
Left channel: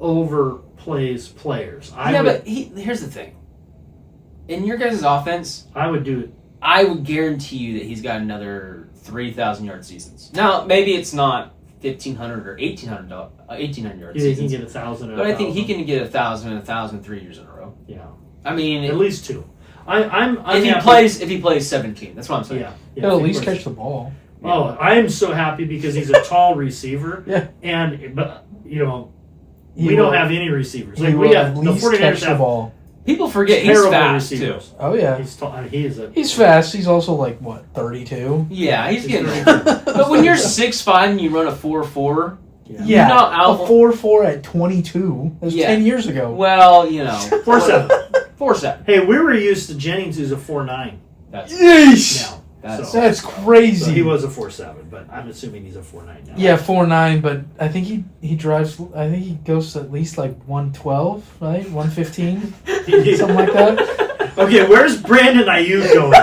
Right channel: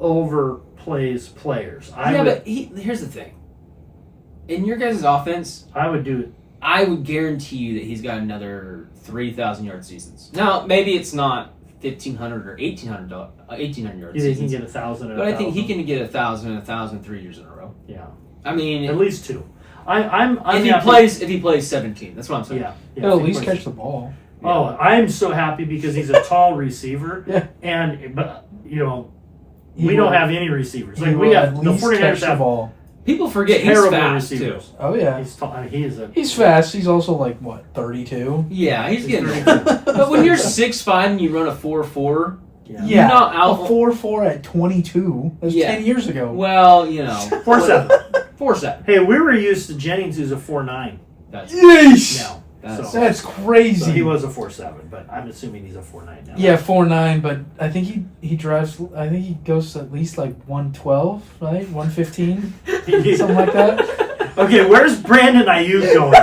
overplays players. But here's the thing. In your guys' offense, I would do it. I would guarantee you that he's got another 3,000-yard seasons. Now, maybe it's not 1,500 or 1,800 yard You think he can seasons, get 1,000? and but I think he 1,000? can get 1,000 and 1,000 3 years in a row. Yeah, I mean, at least 2. I'm if he happy- plays 17, that's what I'm saying. Yeah, He'll yeah. at least catch the ball. Oh, I'm so happy because he's a tall receiver. Yeah. But we He don't will- have any receivers. he Like we will have at the least catch 49ers the have ball. People forget he's terrible fast receivers. too. Oh yeah, He's tall. He is a. he's fast. He's also like what 32. Yeah, he's He's getting. very Older. But when you're 6'5" and you run a 4.4, Yeah. Yeah, You're not out- a 4.4 at 22. That's Yeah. 10 years ago. well, 4.7. 4.7. Hey, we were used to Jennings, who's a 4.9 That's Yeesh! now. That's- So, That's so crazy. he was a 4.7, but I'm assuming he's a 4.9 now. Yeah, 4.9, but I think he drives. I think he goes at least like 112, right? 115, something like that. Okay, where's Brandon Ayuk going?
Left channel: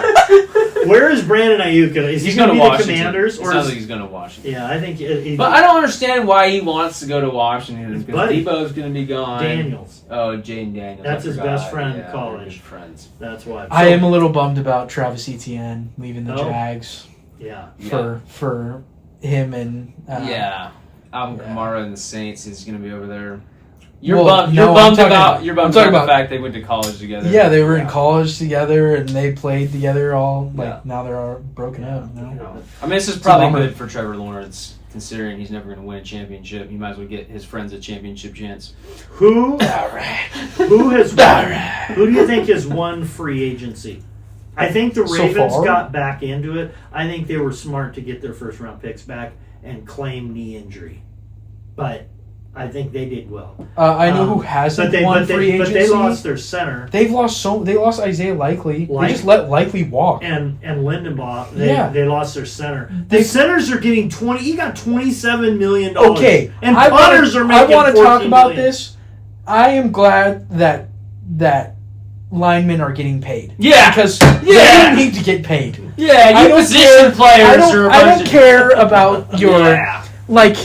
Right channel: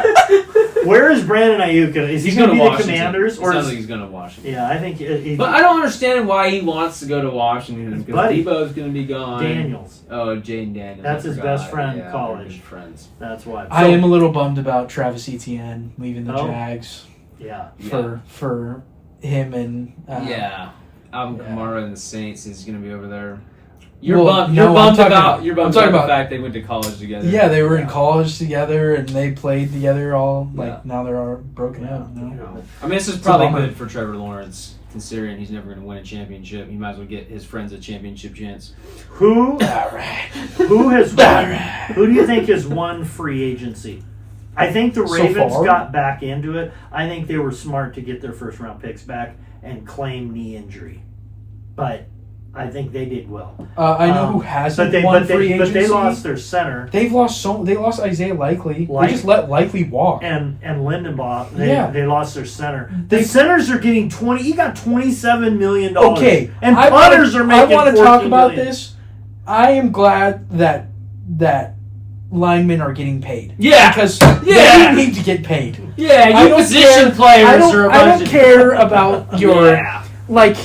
Where is Brandon Ayuk going? Is he He's going going to to be the Washington. Commanders? It Or sounds is, like he's going to Washington. yeah, I think But I don't understand why he wants to go to Washington because Buddy. Debo's going to be gone. Daniels. Oh, Jane Daniels. That's I his forgot. best friend in Yeah, college. they're good friends. That's why. I am a little bummed about Travis Etienne leaving the Oh. Jags Yeah. for him and Yeah. Alvin yeah. Kamara and the Saints is going to be over there. You're Well, bummed. no, You're bummed I'm talking- about. I'm You're bummed talking about the about- fact they went to college together. Yeah, they were in Yeah. college together and they played together all. Like Yeah. now they're all broken Yeah. up. you know? I mean, this is probably bummer. good for Trevor Lawrence, considering he's never going to win a championship. He might as well get his friends a championship chance. Who has won? Who do you think has won free agency? I think the So Ravens far? got back into it. I think they were smart to get their first round picks back and claim knee injury, but I think they did well. I know who hasn't But they won free but agency. they lost their center They've lost They lost Isaiah Likely. Like- They just let Likely walk. and Lindenbaugh. Yeah. They lost their center. The centers are getting 20. He got $27 million. Okay, and I punters are making. I want to 14 talk about million. this. I am glad that linemen are getting paid. Yeah. because Yeah. they need to get paid. Yeah, I you don't position care- players are a I bunch don't of. care about your Yeah. like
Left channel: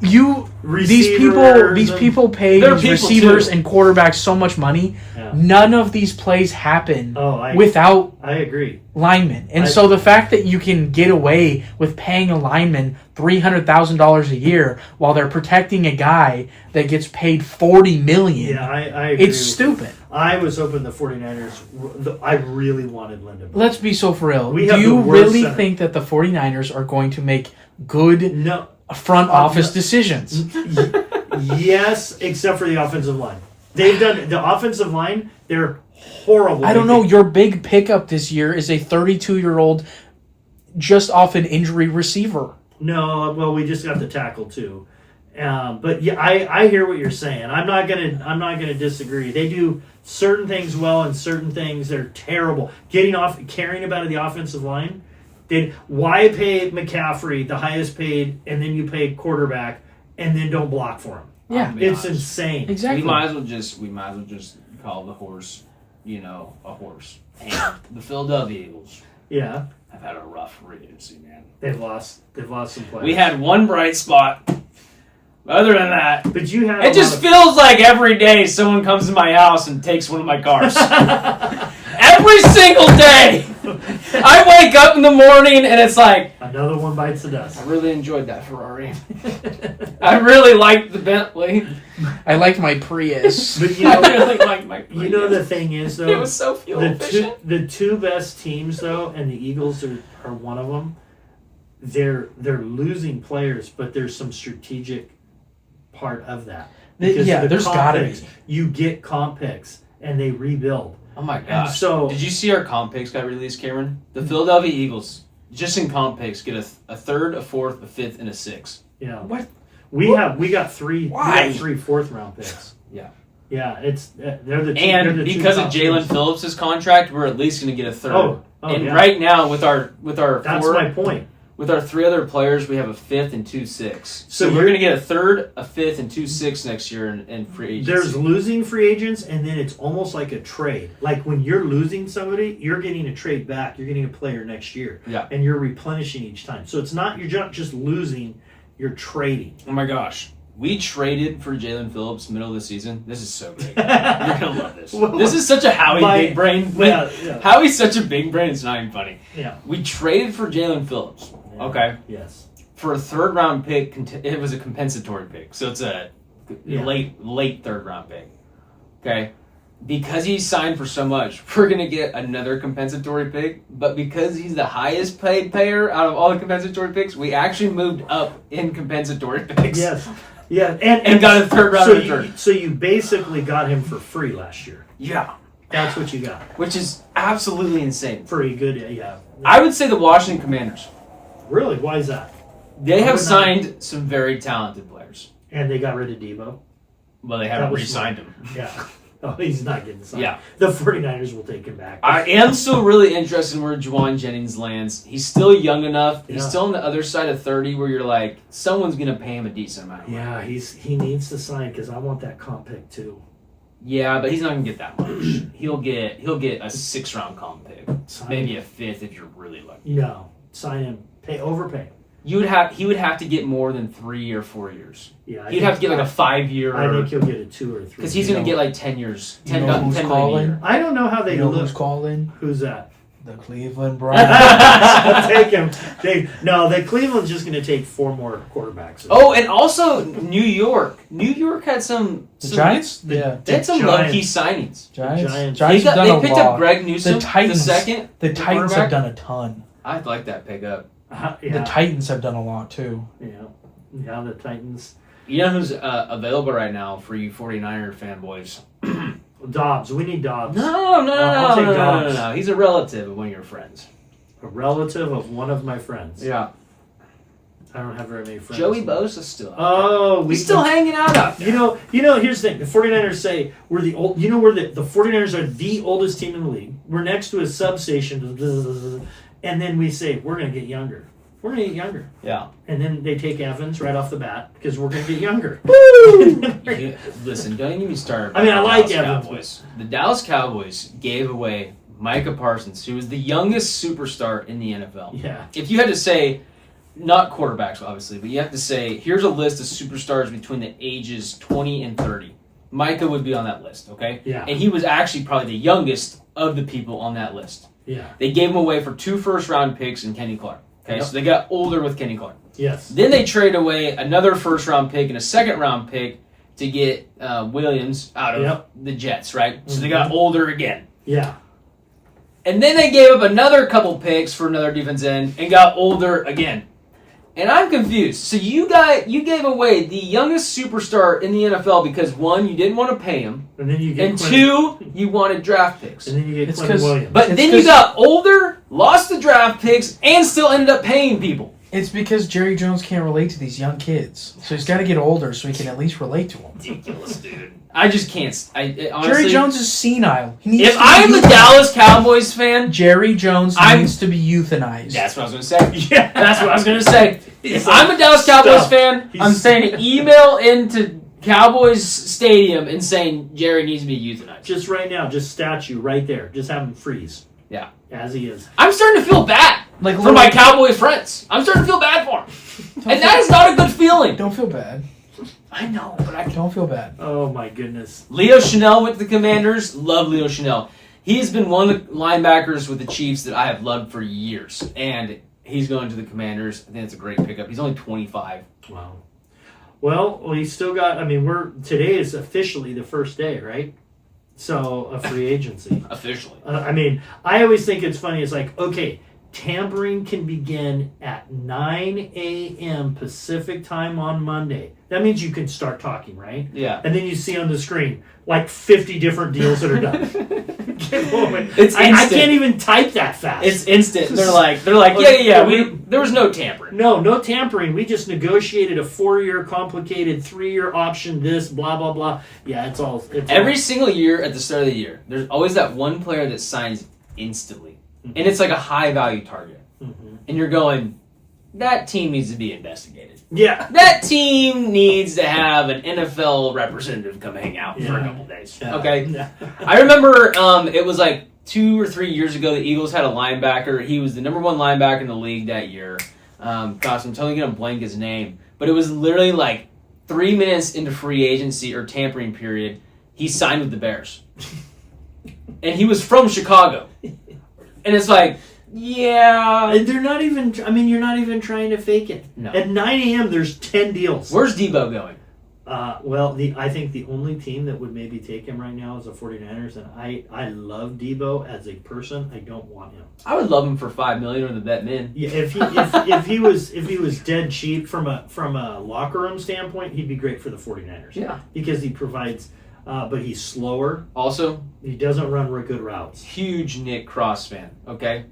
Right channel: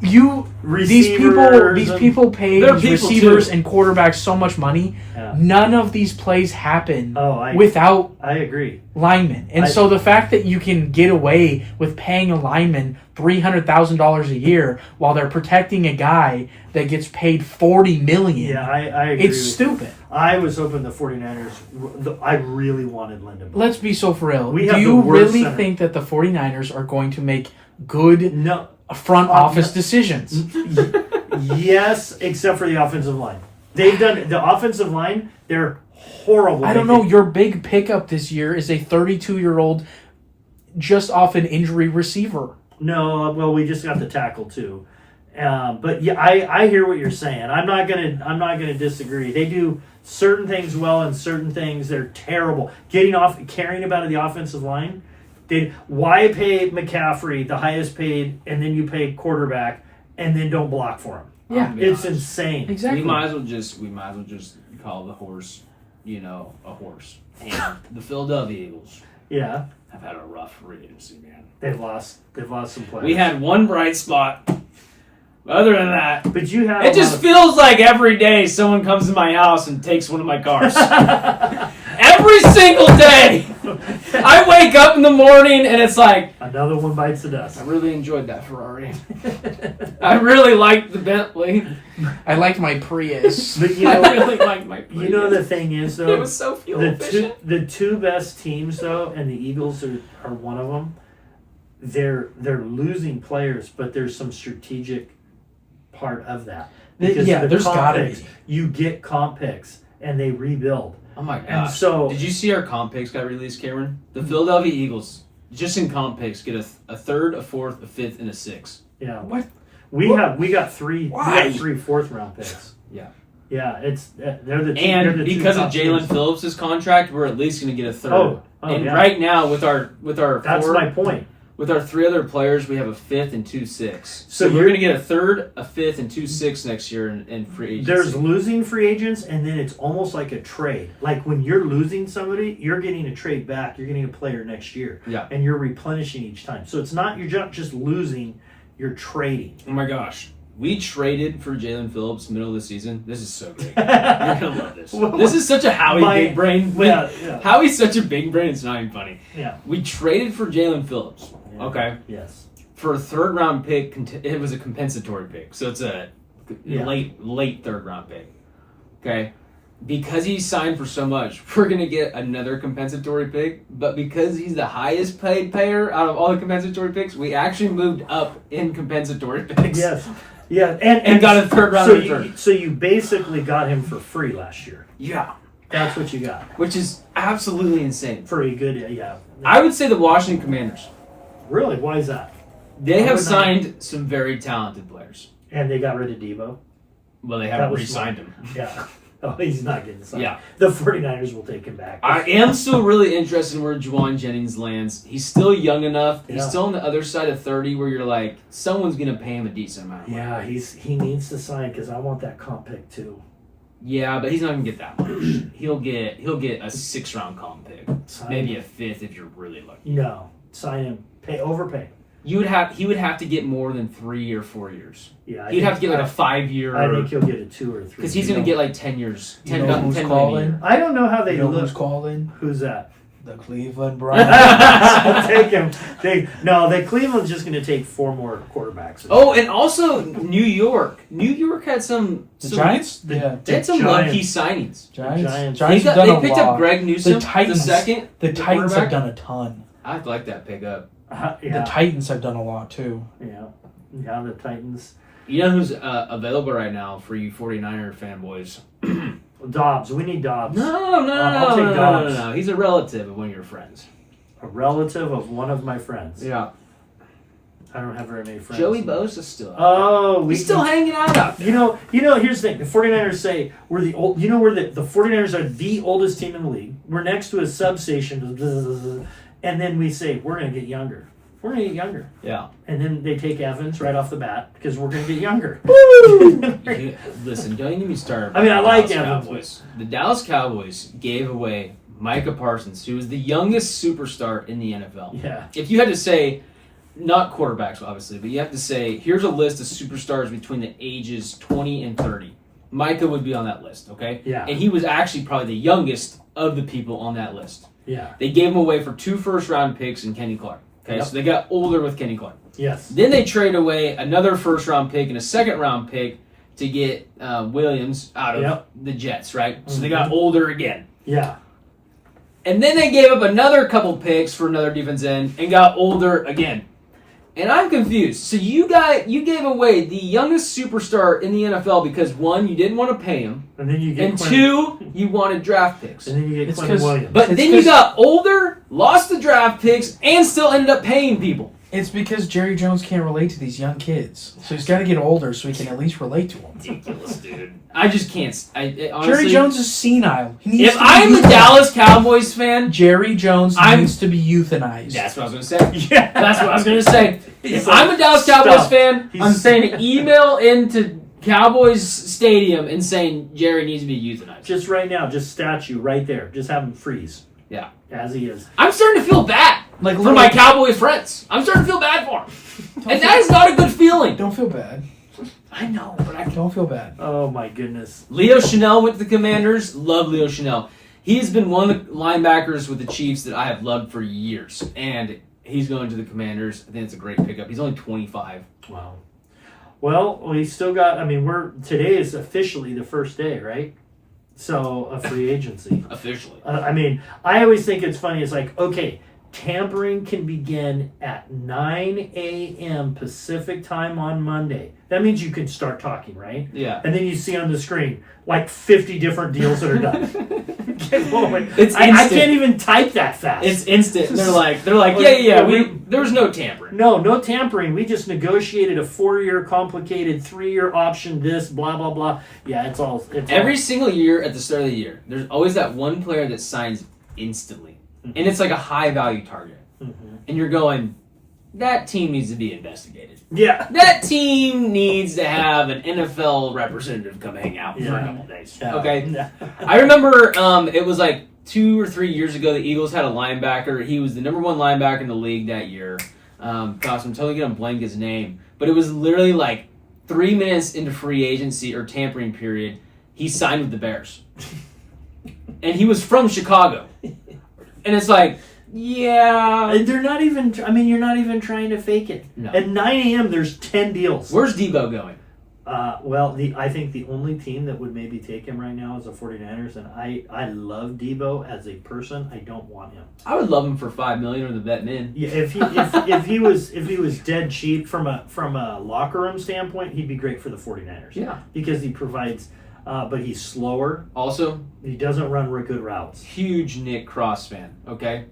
you. These Receivers and- people pay They're these people, receivers too. and quarterbacks so much money. Yeah. None of these plays happen Oh, I without agree. linemen. And I- so the fact that you can get away with paying a lineman $300,000 a year while they're protecting a guy that gets paid $40 million, Yeah, I agree. it's with you. stupid. I was hoping the 49ers. I really wanted Lindenbaugh. Let's be so for real. We Do have you the worst really center. think that the 49ers are going to make good No. front office no. decisions? Yes, except for the offensive line. They've done the offensive line. They're horrible. I don't know. Your big pickup this year is a 32-year-old just off an injury receiver. No, well, we just got the tackle too. But yeah, I hear what you're saying. I'm not gonna disagree. They do certain things well and certain things they're terrible. Caring about the offensive line. Why pay McCaffrey the highest paid and then you pay quarterback and then don't block for him? Yeah. It's insane. Exactly. We might as well just call the horse, a horse. And the Philadelphia Eagles Yeah, have had a rough free agency, man. they've lost some players. We had one bright spot. Other than that, but you had. it just feels like every day someone comes to my house and takes one of my cars. Every single day. I wake up in the morning and it's like, Another one bites the dust. I really enjoyed that Ferrari. I really liked the Bentley. I like my Prius. But I really liked my you know the thing is though. It was so fuel efficient. The two best teams though, and the Eagles are one of them. They're losing players, but there's some strategic part of that because Yeah, of the there's comp gotta picks. be. You get comp picks and they rebuild. Oh my And gosh. so Did you see our comp picks got released, Cameron? The Philadelphia Eagles, just in comp picks, get a third, a fourth, a fifth, and a sixth. yeah, What? we got three Why? 4th-round picks. Yeah. Yeah, it's they're the two, And they're the two because of top Jalen teams. Phillips' contract, we're at least going to get a third. Oh, and yeah. right now, with our That's four, my point. with our 3 other players, we have a fifth and 2 sixths. So So we're you're- going to get a third, a fifth, and 2 sixths next year in free agency. There's losing free agents, and then it's almost like a trade. Like when you're losing somebody, you're getting a trade back. You're getting a player next year, Yeah. and you're replenishing each time. So it's not you're not just losing, you're trading. Oh my gosh. We traded for Jalen Phillips middle of the season. This is so great. You're going to love this. Well, This is such a Howie my- big brain. Yeah, yeah, Howie's such a big brain, it's not even funny. yeah. We traded for Jalen Phillips. Yeah. Okay. Yes. For a third round pick, it was a compensatory pick. So it's a Yeah. late third round pick. Okay. Because he signed for so much, we're going to get another compensatory pick. But because he's the highest paid payer out of all the compensatory picks, we actually moved up in compensatory picks. Yes. Yeah. And And got a third round so return. so you basically got him for free last year. Yeah. That's what you got Which is absolutely insane. for a good. Yeah. I would say the Washington Commanders. Really? Why is that? They I have would not- signed some very talented players. And they got rid of Debo. Well, they That haven't was re-signed him. Yeah. Oh, he's not getting signed. Yeah. The 49ers will take him back. I am still really interested in where Juwan Jennings lands. He's still young enough. He's Yeah. still on the other side of 30 where you're like, someone's going to pay him a decent amount. Yeah, he needs to sign because I want that comp pick too. Yeah, but he's not going to get that much. He'll get a 6th-round comp pick. Sign Maybe him. a 5th if you're really lucky. No, sign him. Overpay. He would have to get more than 3 or 4 years. Yeah, He'd have to get like a 5-year. I think he'll get a 2 or 3. Because he's going to get like 10 years. You 10 know who's 10 million a year. calling? I don't know how they You know look. who's calling? Who's that? The Cleveland Browns. I'll take him. Cleveland's just going to take 4 more quarterbacks. Oh, and also New York. New York had some The Giants? The- Yeah. They had some Giants. low-key signings. Giants. Giants. They have done they a picked lot. up Greg Newsom, The Titans. second. The Titans quarterback. have done a ton. I'd like that pickup. Yeah, The Titans have done a lot too. yeah. The Titans. You know who's available right now for you 49er fanboys? Dobbs. We need Dobbs. No. I'll take Dobbs. No. He's a relative of one of your friends. A relative of one of my friends. Yeah. I don't have very many friends. Joey Bosa's still out. Oh, He's still hanging out there. You know, here's the thing. The 49ers say we're the old, we're the 49ers are the oldest team in the league. We're next to a substation, and then we say we're going to get younger. We're going to get younger. Yeah. And then they take Evans right off the bat because we're going to get younger. Listen, don't get me started. I mean, I about like the Dallas Evans, Cowboys. The Dallas Cowboys gave away Micah Parsons, who was the youngest superstar in the NFL. Yeah. If you had to say, not quarterbacks obviously, but you have to say, here's a list of superstars between the ages 20 and 30. Micah would be on that list, okay? Yeah. And he was actually probably the youngest of the people on that list. Yeah. They gave him away for 2 first-round picks and Kenny Clark. Okay, Yep. so they got older with Kenny Clark. Yes. Then they trade away another first-round pick and a second-round pick to get Williams out of Yep. the Jets, right? So they got older again. Yeah. And then they gave up another couple picks for another defense end and got older again. And I'm confused. So you gave away the youngest superstar in the NFL because 1, you didn't want to pay him, And then you get and Quentin, 2, you wanted draft picks. and then you get It's Quentin 'cause- Williams. But It's then you 'cause- got older, lost the draft picks, and still ended up paying people. It's because Jerry Jones can't relate to these young kids, so he's got to get older so he can at least relate to them. Ridiculous, dude. I just can't. Honestly, Jerry Jones is senile. He needs If to be I'm a euthanized. Dallas Cowboys fan, Jerry Jones I'm- needs to be euthanized. that's what I was going to say. yeah. That's what I was going to say. If He's I'm a Dallas stuffed. Cowboys fan, He's- I'm saying email into Cowboys Stadium and saying Jerry needs to be euthanized. Just right now, just statue right there. Just have him freeze. Yeah. As he is. I'm starting to feel bad Like, for my Cowboy friends. I'm starting to feel bad for them. And that is not a good feeling. Don't feel bad. I know, but I can't. Don't feel bad. Oh my goodness. Leo Chanel went to the Commanders. Love Leo Chanel. He's been one of the linebackers with the Chiefs that I have loved for years. And he's going to the Commanders. I think it's a great pickup. He's only 25. Wow. Well, we still got. I mean, today is officially the first day, right? So of free agency. Officially. I mean, I always think it's funny. It's like, okay, tampering can begin at 9 a.m. Pacific time on Monday. That means you can start talking, right? Yeah. And then you see on the screen like 50 different deals that are done. It's I instant. can't even type that fast. It's instant. They're like, yeah. There was no tampering. No tampering. We just negotiated a 4-year complicated 3-year option. This blah blah blah. Yeah, it's all. Every single year at the start of the year, there's always that one player that signs instantly, and it's like a high value target, and you're going, that team needs to be investigated. Yeah. That team needs to have an NFL representative come hang out for a couple days. Yeah. Okay. Yeah. I remember it was like 2 or 3 years ago. The Eagles had a linebacker. He was the number 1 linebacker in the league that year. Gosh, I'm totally gonna blank his name, but it was literally like 3 minutes into free agency or tampering period, he signed with the Bears, and he was from Chicago, and it's like, yeah. And they're not even. I mean, you're not even trying to fake it. No. At 9 a.m., there's 10 deals. Where's Debo going? Well, I think the only team that would maybe take him right now is the 49ers, and I love Debo as a person. I don't want him. I would love him for $5 million or the vet min. Yeah, if he was dead cheap from a locker room standpoint, he'd be great for the 49ers. Yeah. Because he provides, but he's slower. Also, He doesn't run good routes. huge Nick Cross fan. Okay.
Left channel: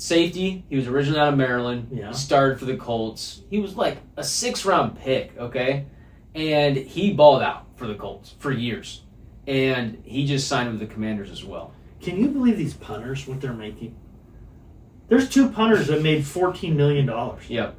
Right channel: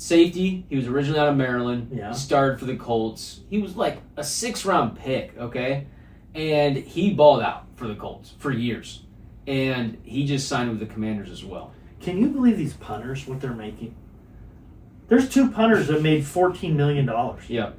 Safety. He was originally out of Maryland. Yeah. He started for the Colts. He was like a 6th-round pick. Okay, and he balled out for the Colts for years, and he just signed with the Commanders as well. Can you believe these punters, what they're making? There's 2 punters that made $14 million Yep.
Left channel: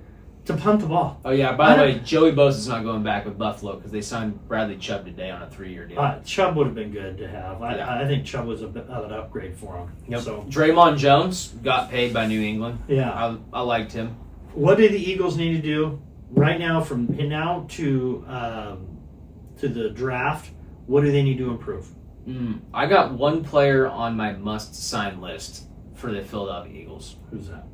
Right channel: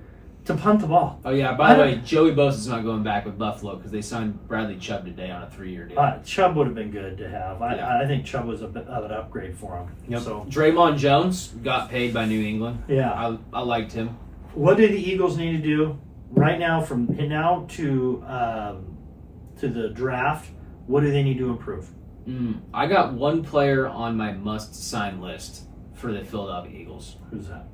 to punt the ball. Oh yeah. By the way, Joey Bosa's not going back with Buffalo because they signed Bradley Chubb today on a 3-year deal. Chubb would have been good to have. Yeah. I think Chubb was a bit of an upgrade for him. Yep. So Draymond Jones got paid by New England. yeah, I liked him. what do the Eagles need to do right now from now to the draft? What do they need to improve? I got one player on my must-sign list for the Philadelphia Eagles. Who's that?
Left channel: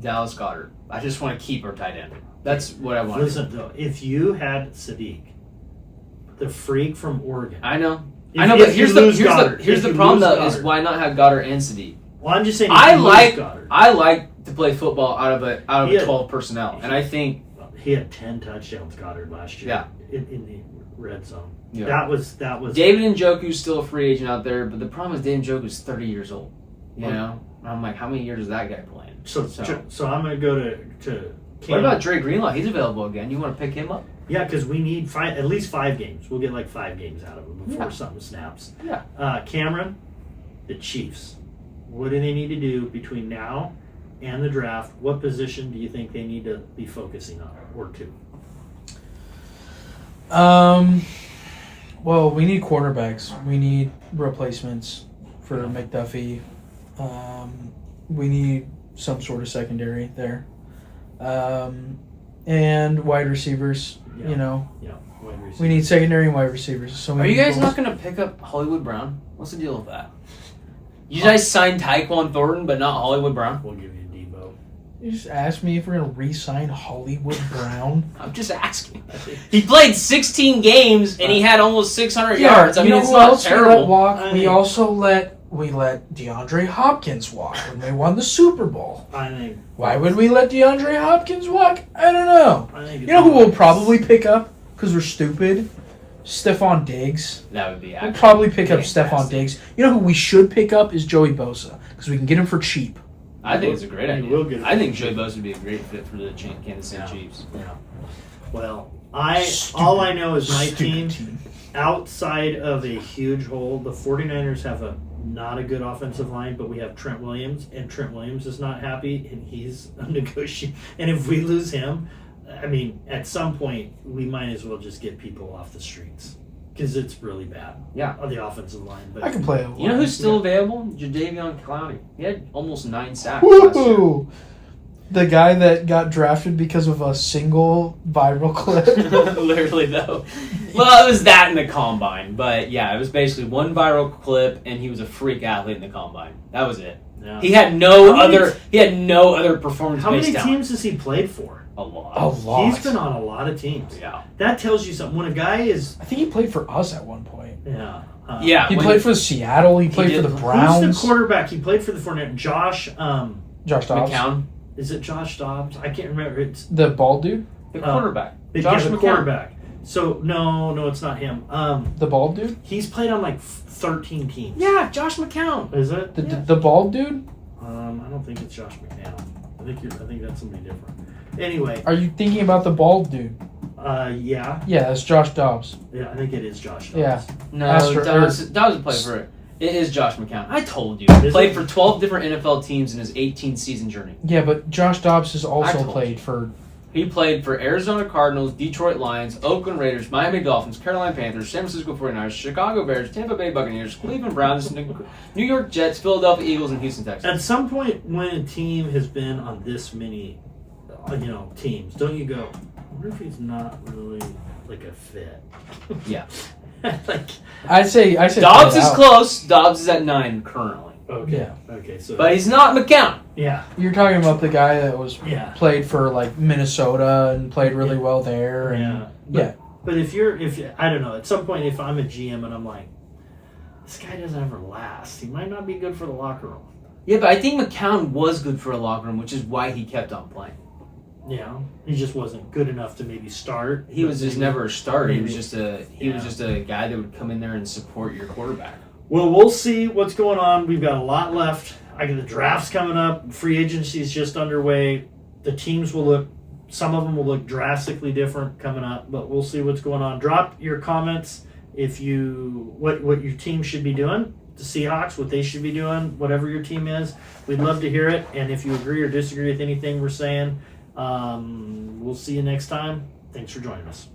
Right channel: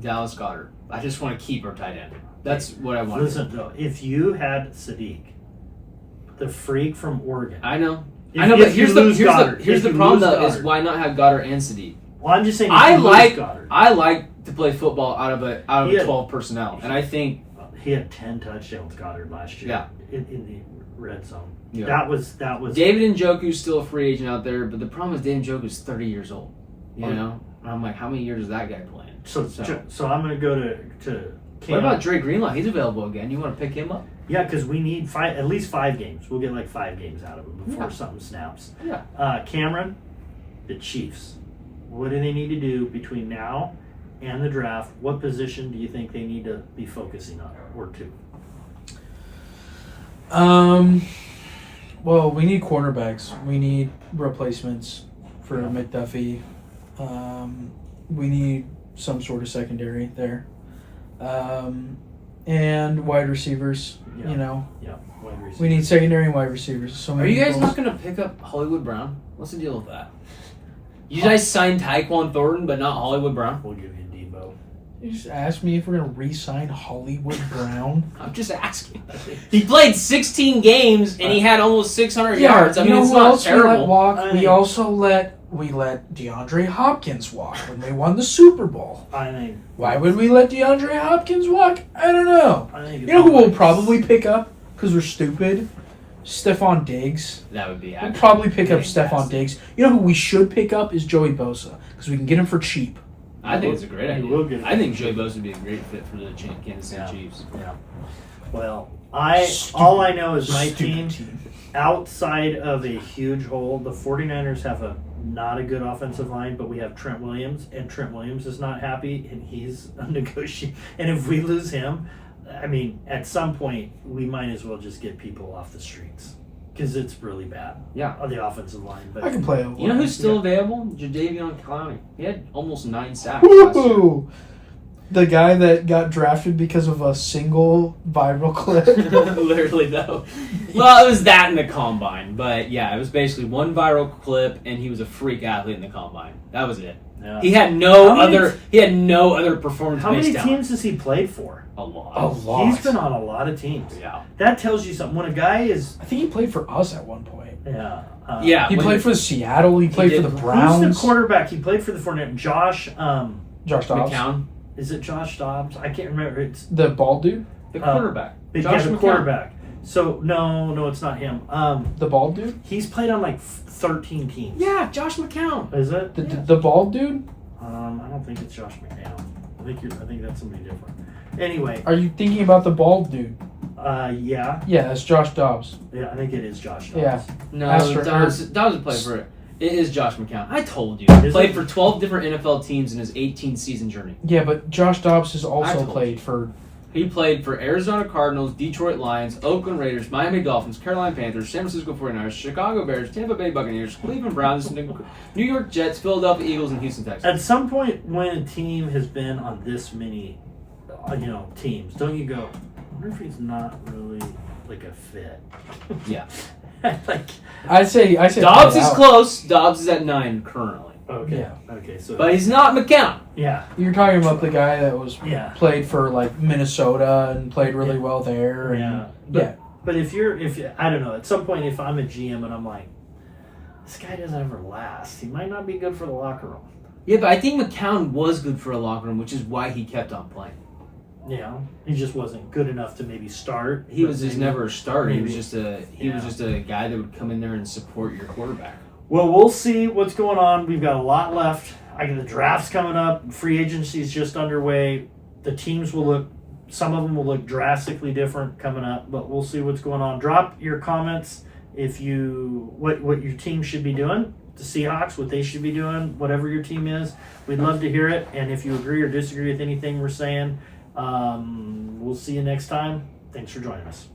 Dallas Goedert. I just want to keep our tight end. That's what I want. Listen, though, if you had Sadiq, the freak from Oregon, I know. If- I know, if but you here's lose the Goddard, here's if the you problem lose though is Goddard. why not have Goddard and Sadiq? well, I'm just saying. If I you lose like Goddard, to play football out of a Yeah. 12 personnel, and I think he had 10 touchdowns, Goddard, last year. Yeah. in the red zone. Yeah. That was. David Njoku's still a free agent out there, but the problem is David Njoku's 30 years old. You know, and I'm like, how many years is that guy playing? So I'm going to go to. What about Dre Greenlaw? He's available again. You want to pick him up? Yeah, because we need at least 5 games. We'll get like 5 games out of him before something snaps. Yeah. Cameron, the Chiefs. What do they need to do between now and the draft? What position do you think they need to be focusing on, or 2? Well, we need quarterbacks. We need replacements for McDuffie. We need some sort of secondary there. And wide receivers, Yeah. you know. Yeah, wide receiver. We need secondary and wide receivers. So Are you guys many not going to pick up Hollywood Brown? What's the deal with that? You guys signed Tyquan Thornton, but not Hollywood Brown? We'll give you Debo. You just asked me if we're going to re-sign Hollywood Brown. I'm just asking. He played 16 games and he had almost 600 yards. I you mean, know it's who not else terrible. We let walk? We also let DeAndre Hopkins walk when they won the Super Bowl. I think. Why would we let DeAndre Hopkins walk? I don't know. I think. You know who we'll probably pick up because we're stupid? Stephon Diggs. That would be We'll actually probably pick up fantastic. Stephon Diggs. You know who we should pick up is Joey Bosa because we can get him for cheap. I think it's a great You will idea. get it. I think Joey Bosa would be a great fit for the Kansas City Yeah. Chiefs. Yeah. Well, all I know is my Stupid team, outside of a huge hole, the 49ers have not a good offensive line, but we have Trent Williams, and Trent Williams is not happy, and he's negotiating. And if we lose him, I mean, at some point, we might as well just get people off the streets because it's really bad. Yeah. On the offensive line. But I can play. You know who's still available? Jadeveon Clowney. He had almost 9 sacks last year. Woo! The guy that got drafted because of a single viral clip. Literally, though. Well, it was that in the combine, but yeah, it was basically one viral clip, and he was a freak athlete in the combine. That was it. Yeah. He had no How many other. He had no other performance. How many talent. teams has he played for? A lot. A lot. He's been on a lot of teams. Yeah. That tells you something. When a guy is, I think he played for us at one point. yeah. Yeah. He when played for Seattle. He played did. for the Who's the Browns. Who's the quarterback? He played for the 49ers. Josh. Josh Dobbs. McCown, Is it Josh Dobbs? I can't remember. It's The bald dude? the quarterback. the Josh McCown. quarterback. So no, it's not him. The bald dude? He's played on like 13 teams. Yeah, Josh McCown. Is it? The bald dude? I don't think it's Josh McCown. I think that's somebody different. Anyway, Are you thinking about the bald dude? yeah, Yeah, that's Josh Dobbs. I think it is Josh Dobbs. Yeah. No, Astro- Dobbs played for it. It is Josh McCown. I told you. Is Played it? for 12 different NFL teams in his 18-season journey. Yeah, but Josh Dobbs has I also told played for. He played for Arizona Cardinals, Detroit Lions, Oakland Raiders, Miami Dolphins, Carolina Panthers, San Francisco 49ers, Chicago Bears, Tampa Bay Buccaneers, Cleveland Browns, New York Jets, Philadelphia Eagles, and Houston Texans. At some point, when a team has been on this many, teams, don't you go, I wonder if he's not really like a fit? Yeah. like, I'd say Dobbs play it is out. close. Dobbs is at 9 currently. okay, Yeah. okay, so But he's not McCown. yeah, You're talking about the guy that was Yeah. played for like Minnesota and played really well there. And, yeah. yeah. But if I don't know, at some point, if I'm a GM and I'm like, this guy doesn't ever last, he might not be good for the locker room. Yeah, but I think McCown was good for a locker room, which is why he kept on playing. Yeah, he just wasn't good enough to maybe start. He was just Maybe- never a starter. He was maybe- just a guy that would come in there and support your quarterback. Well, we'll see what's going on. We've got a lot left. I got the drafts coming up. Free agency is just underway. The teams some of them will look drastically different coming up, but we'll see what's going on. Drop your comments if what your team should be doing. The Seahawks, what they should be doing, whatever your team is. We'd love to hear it. And if you agree or disagree with anything we're saying, we'll see you next time. Thanks for joining us.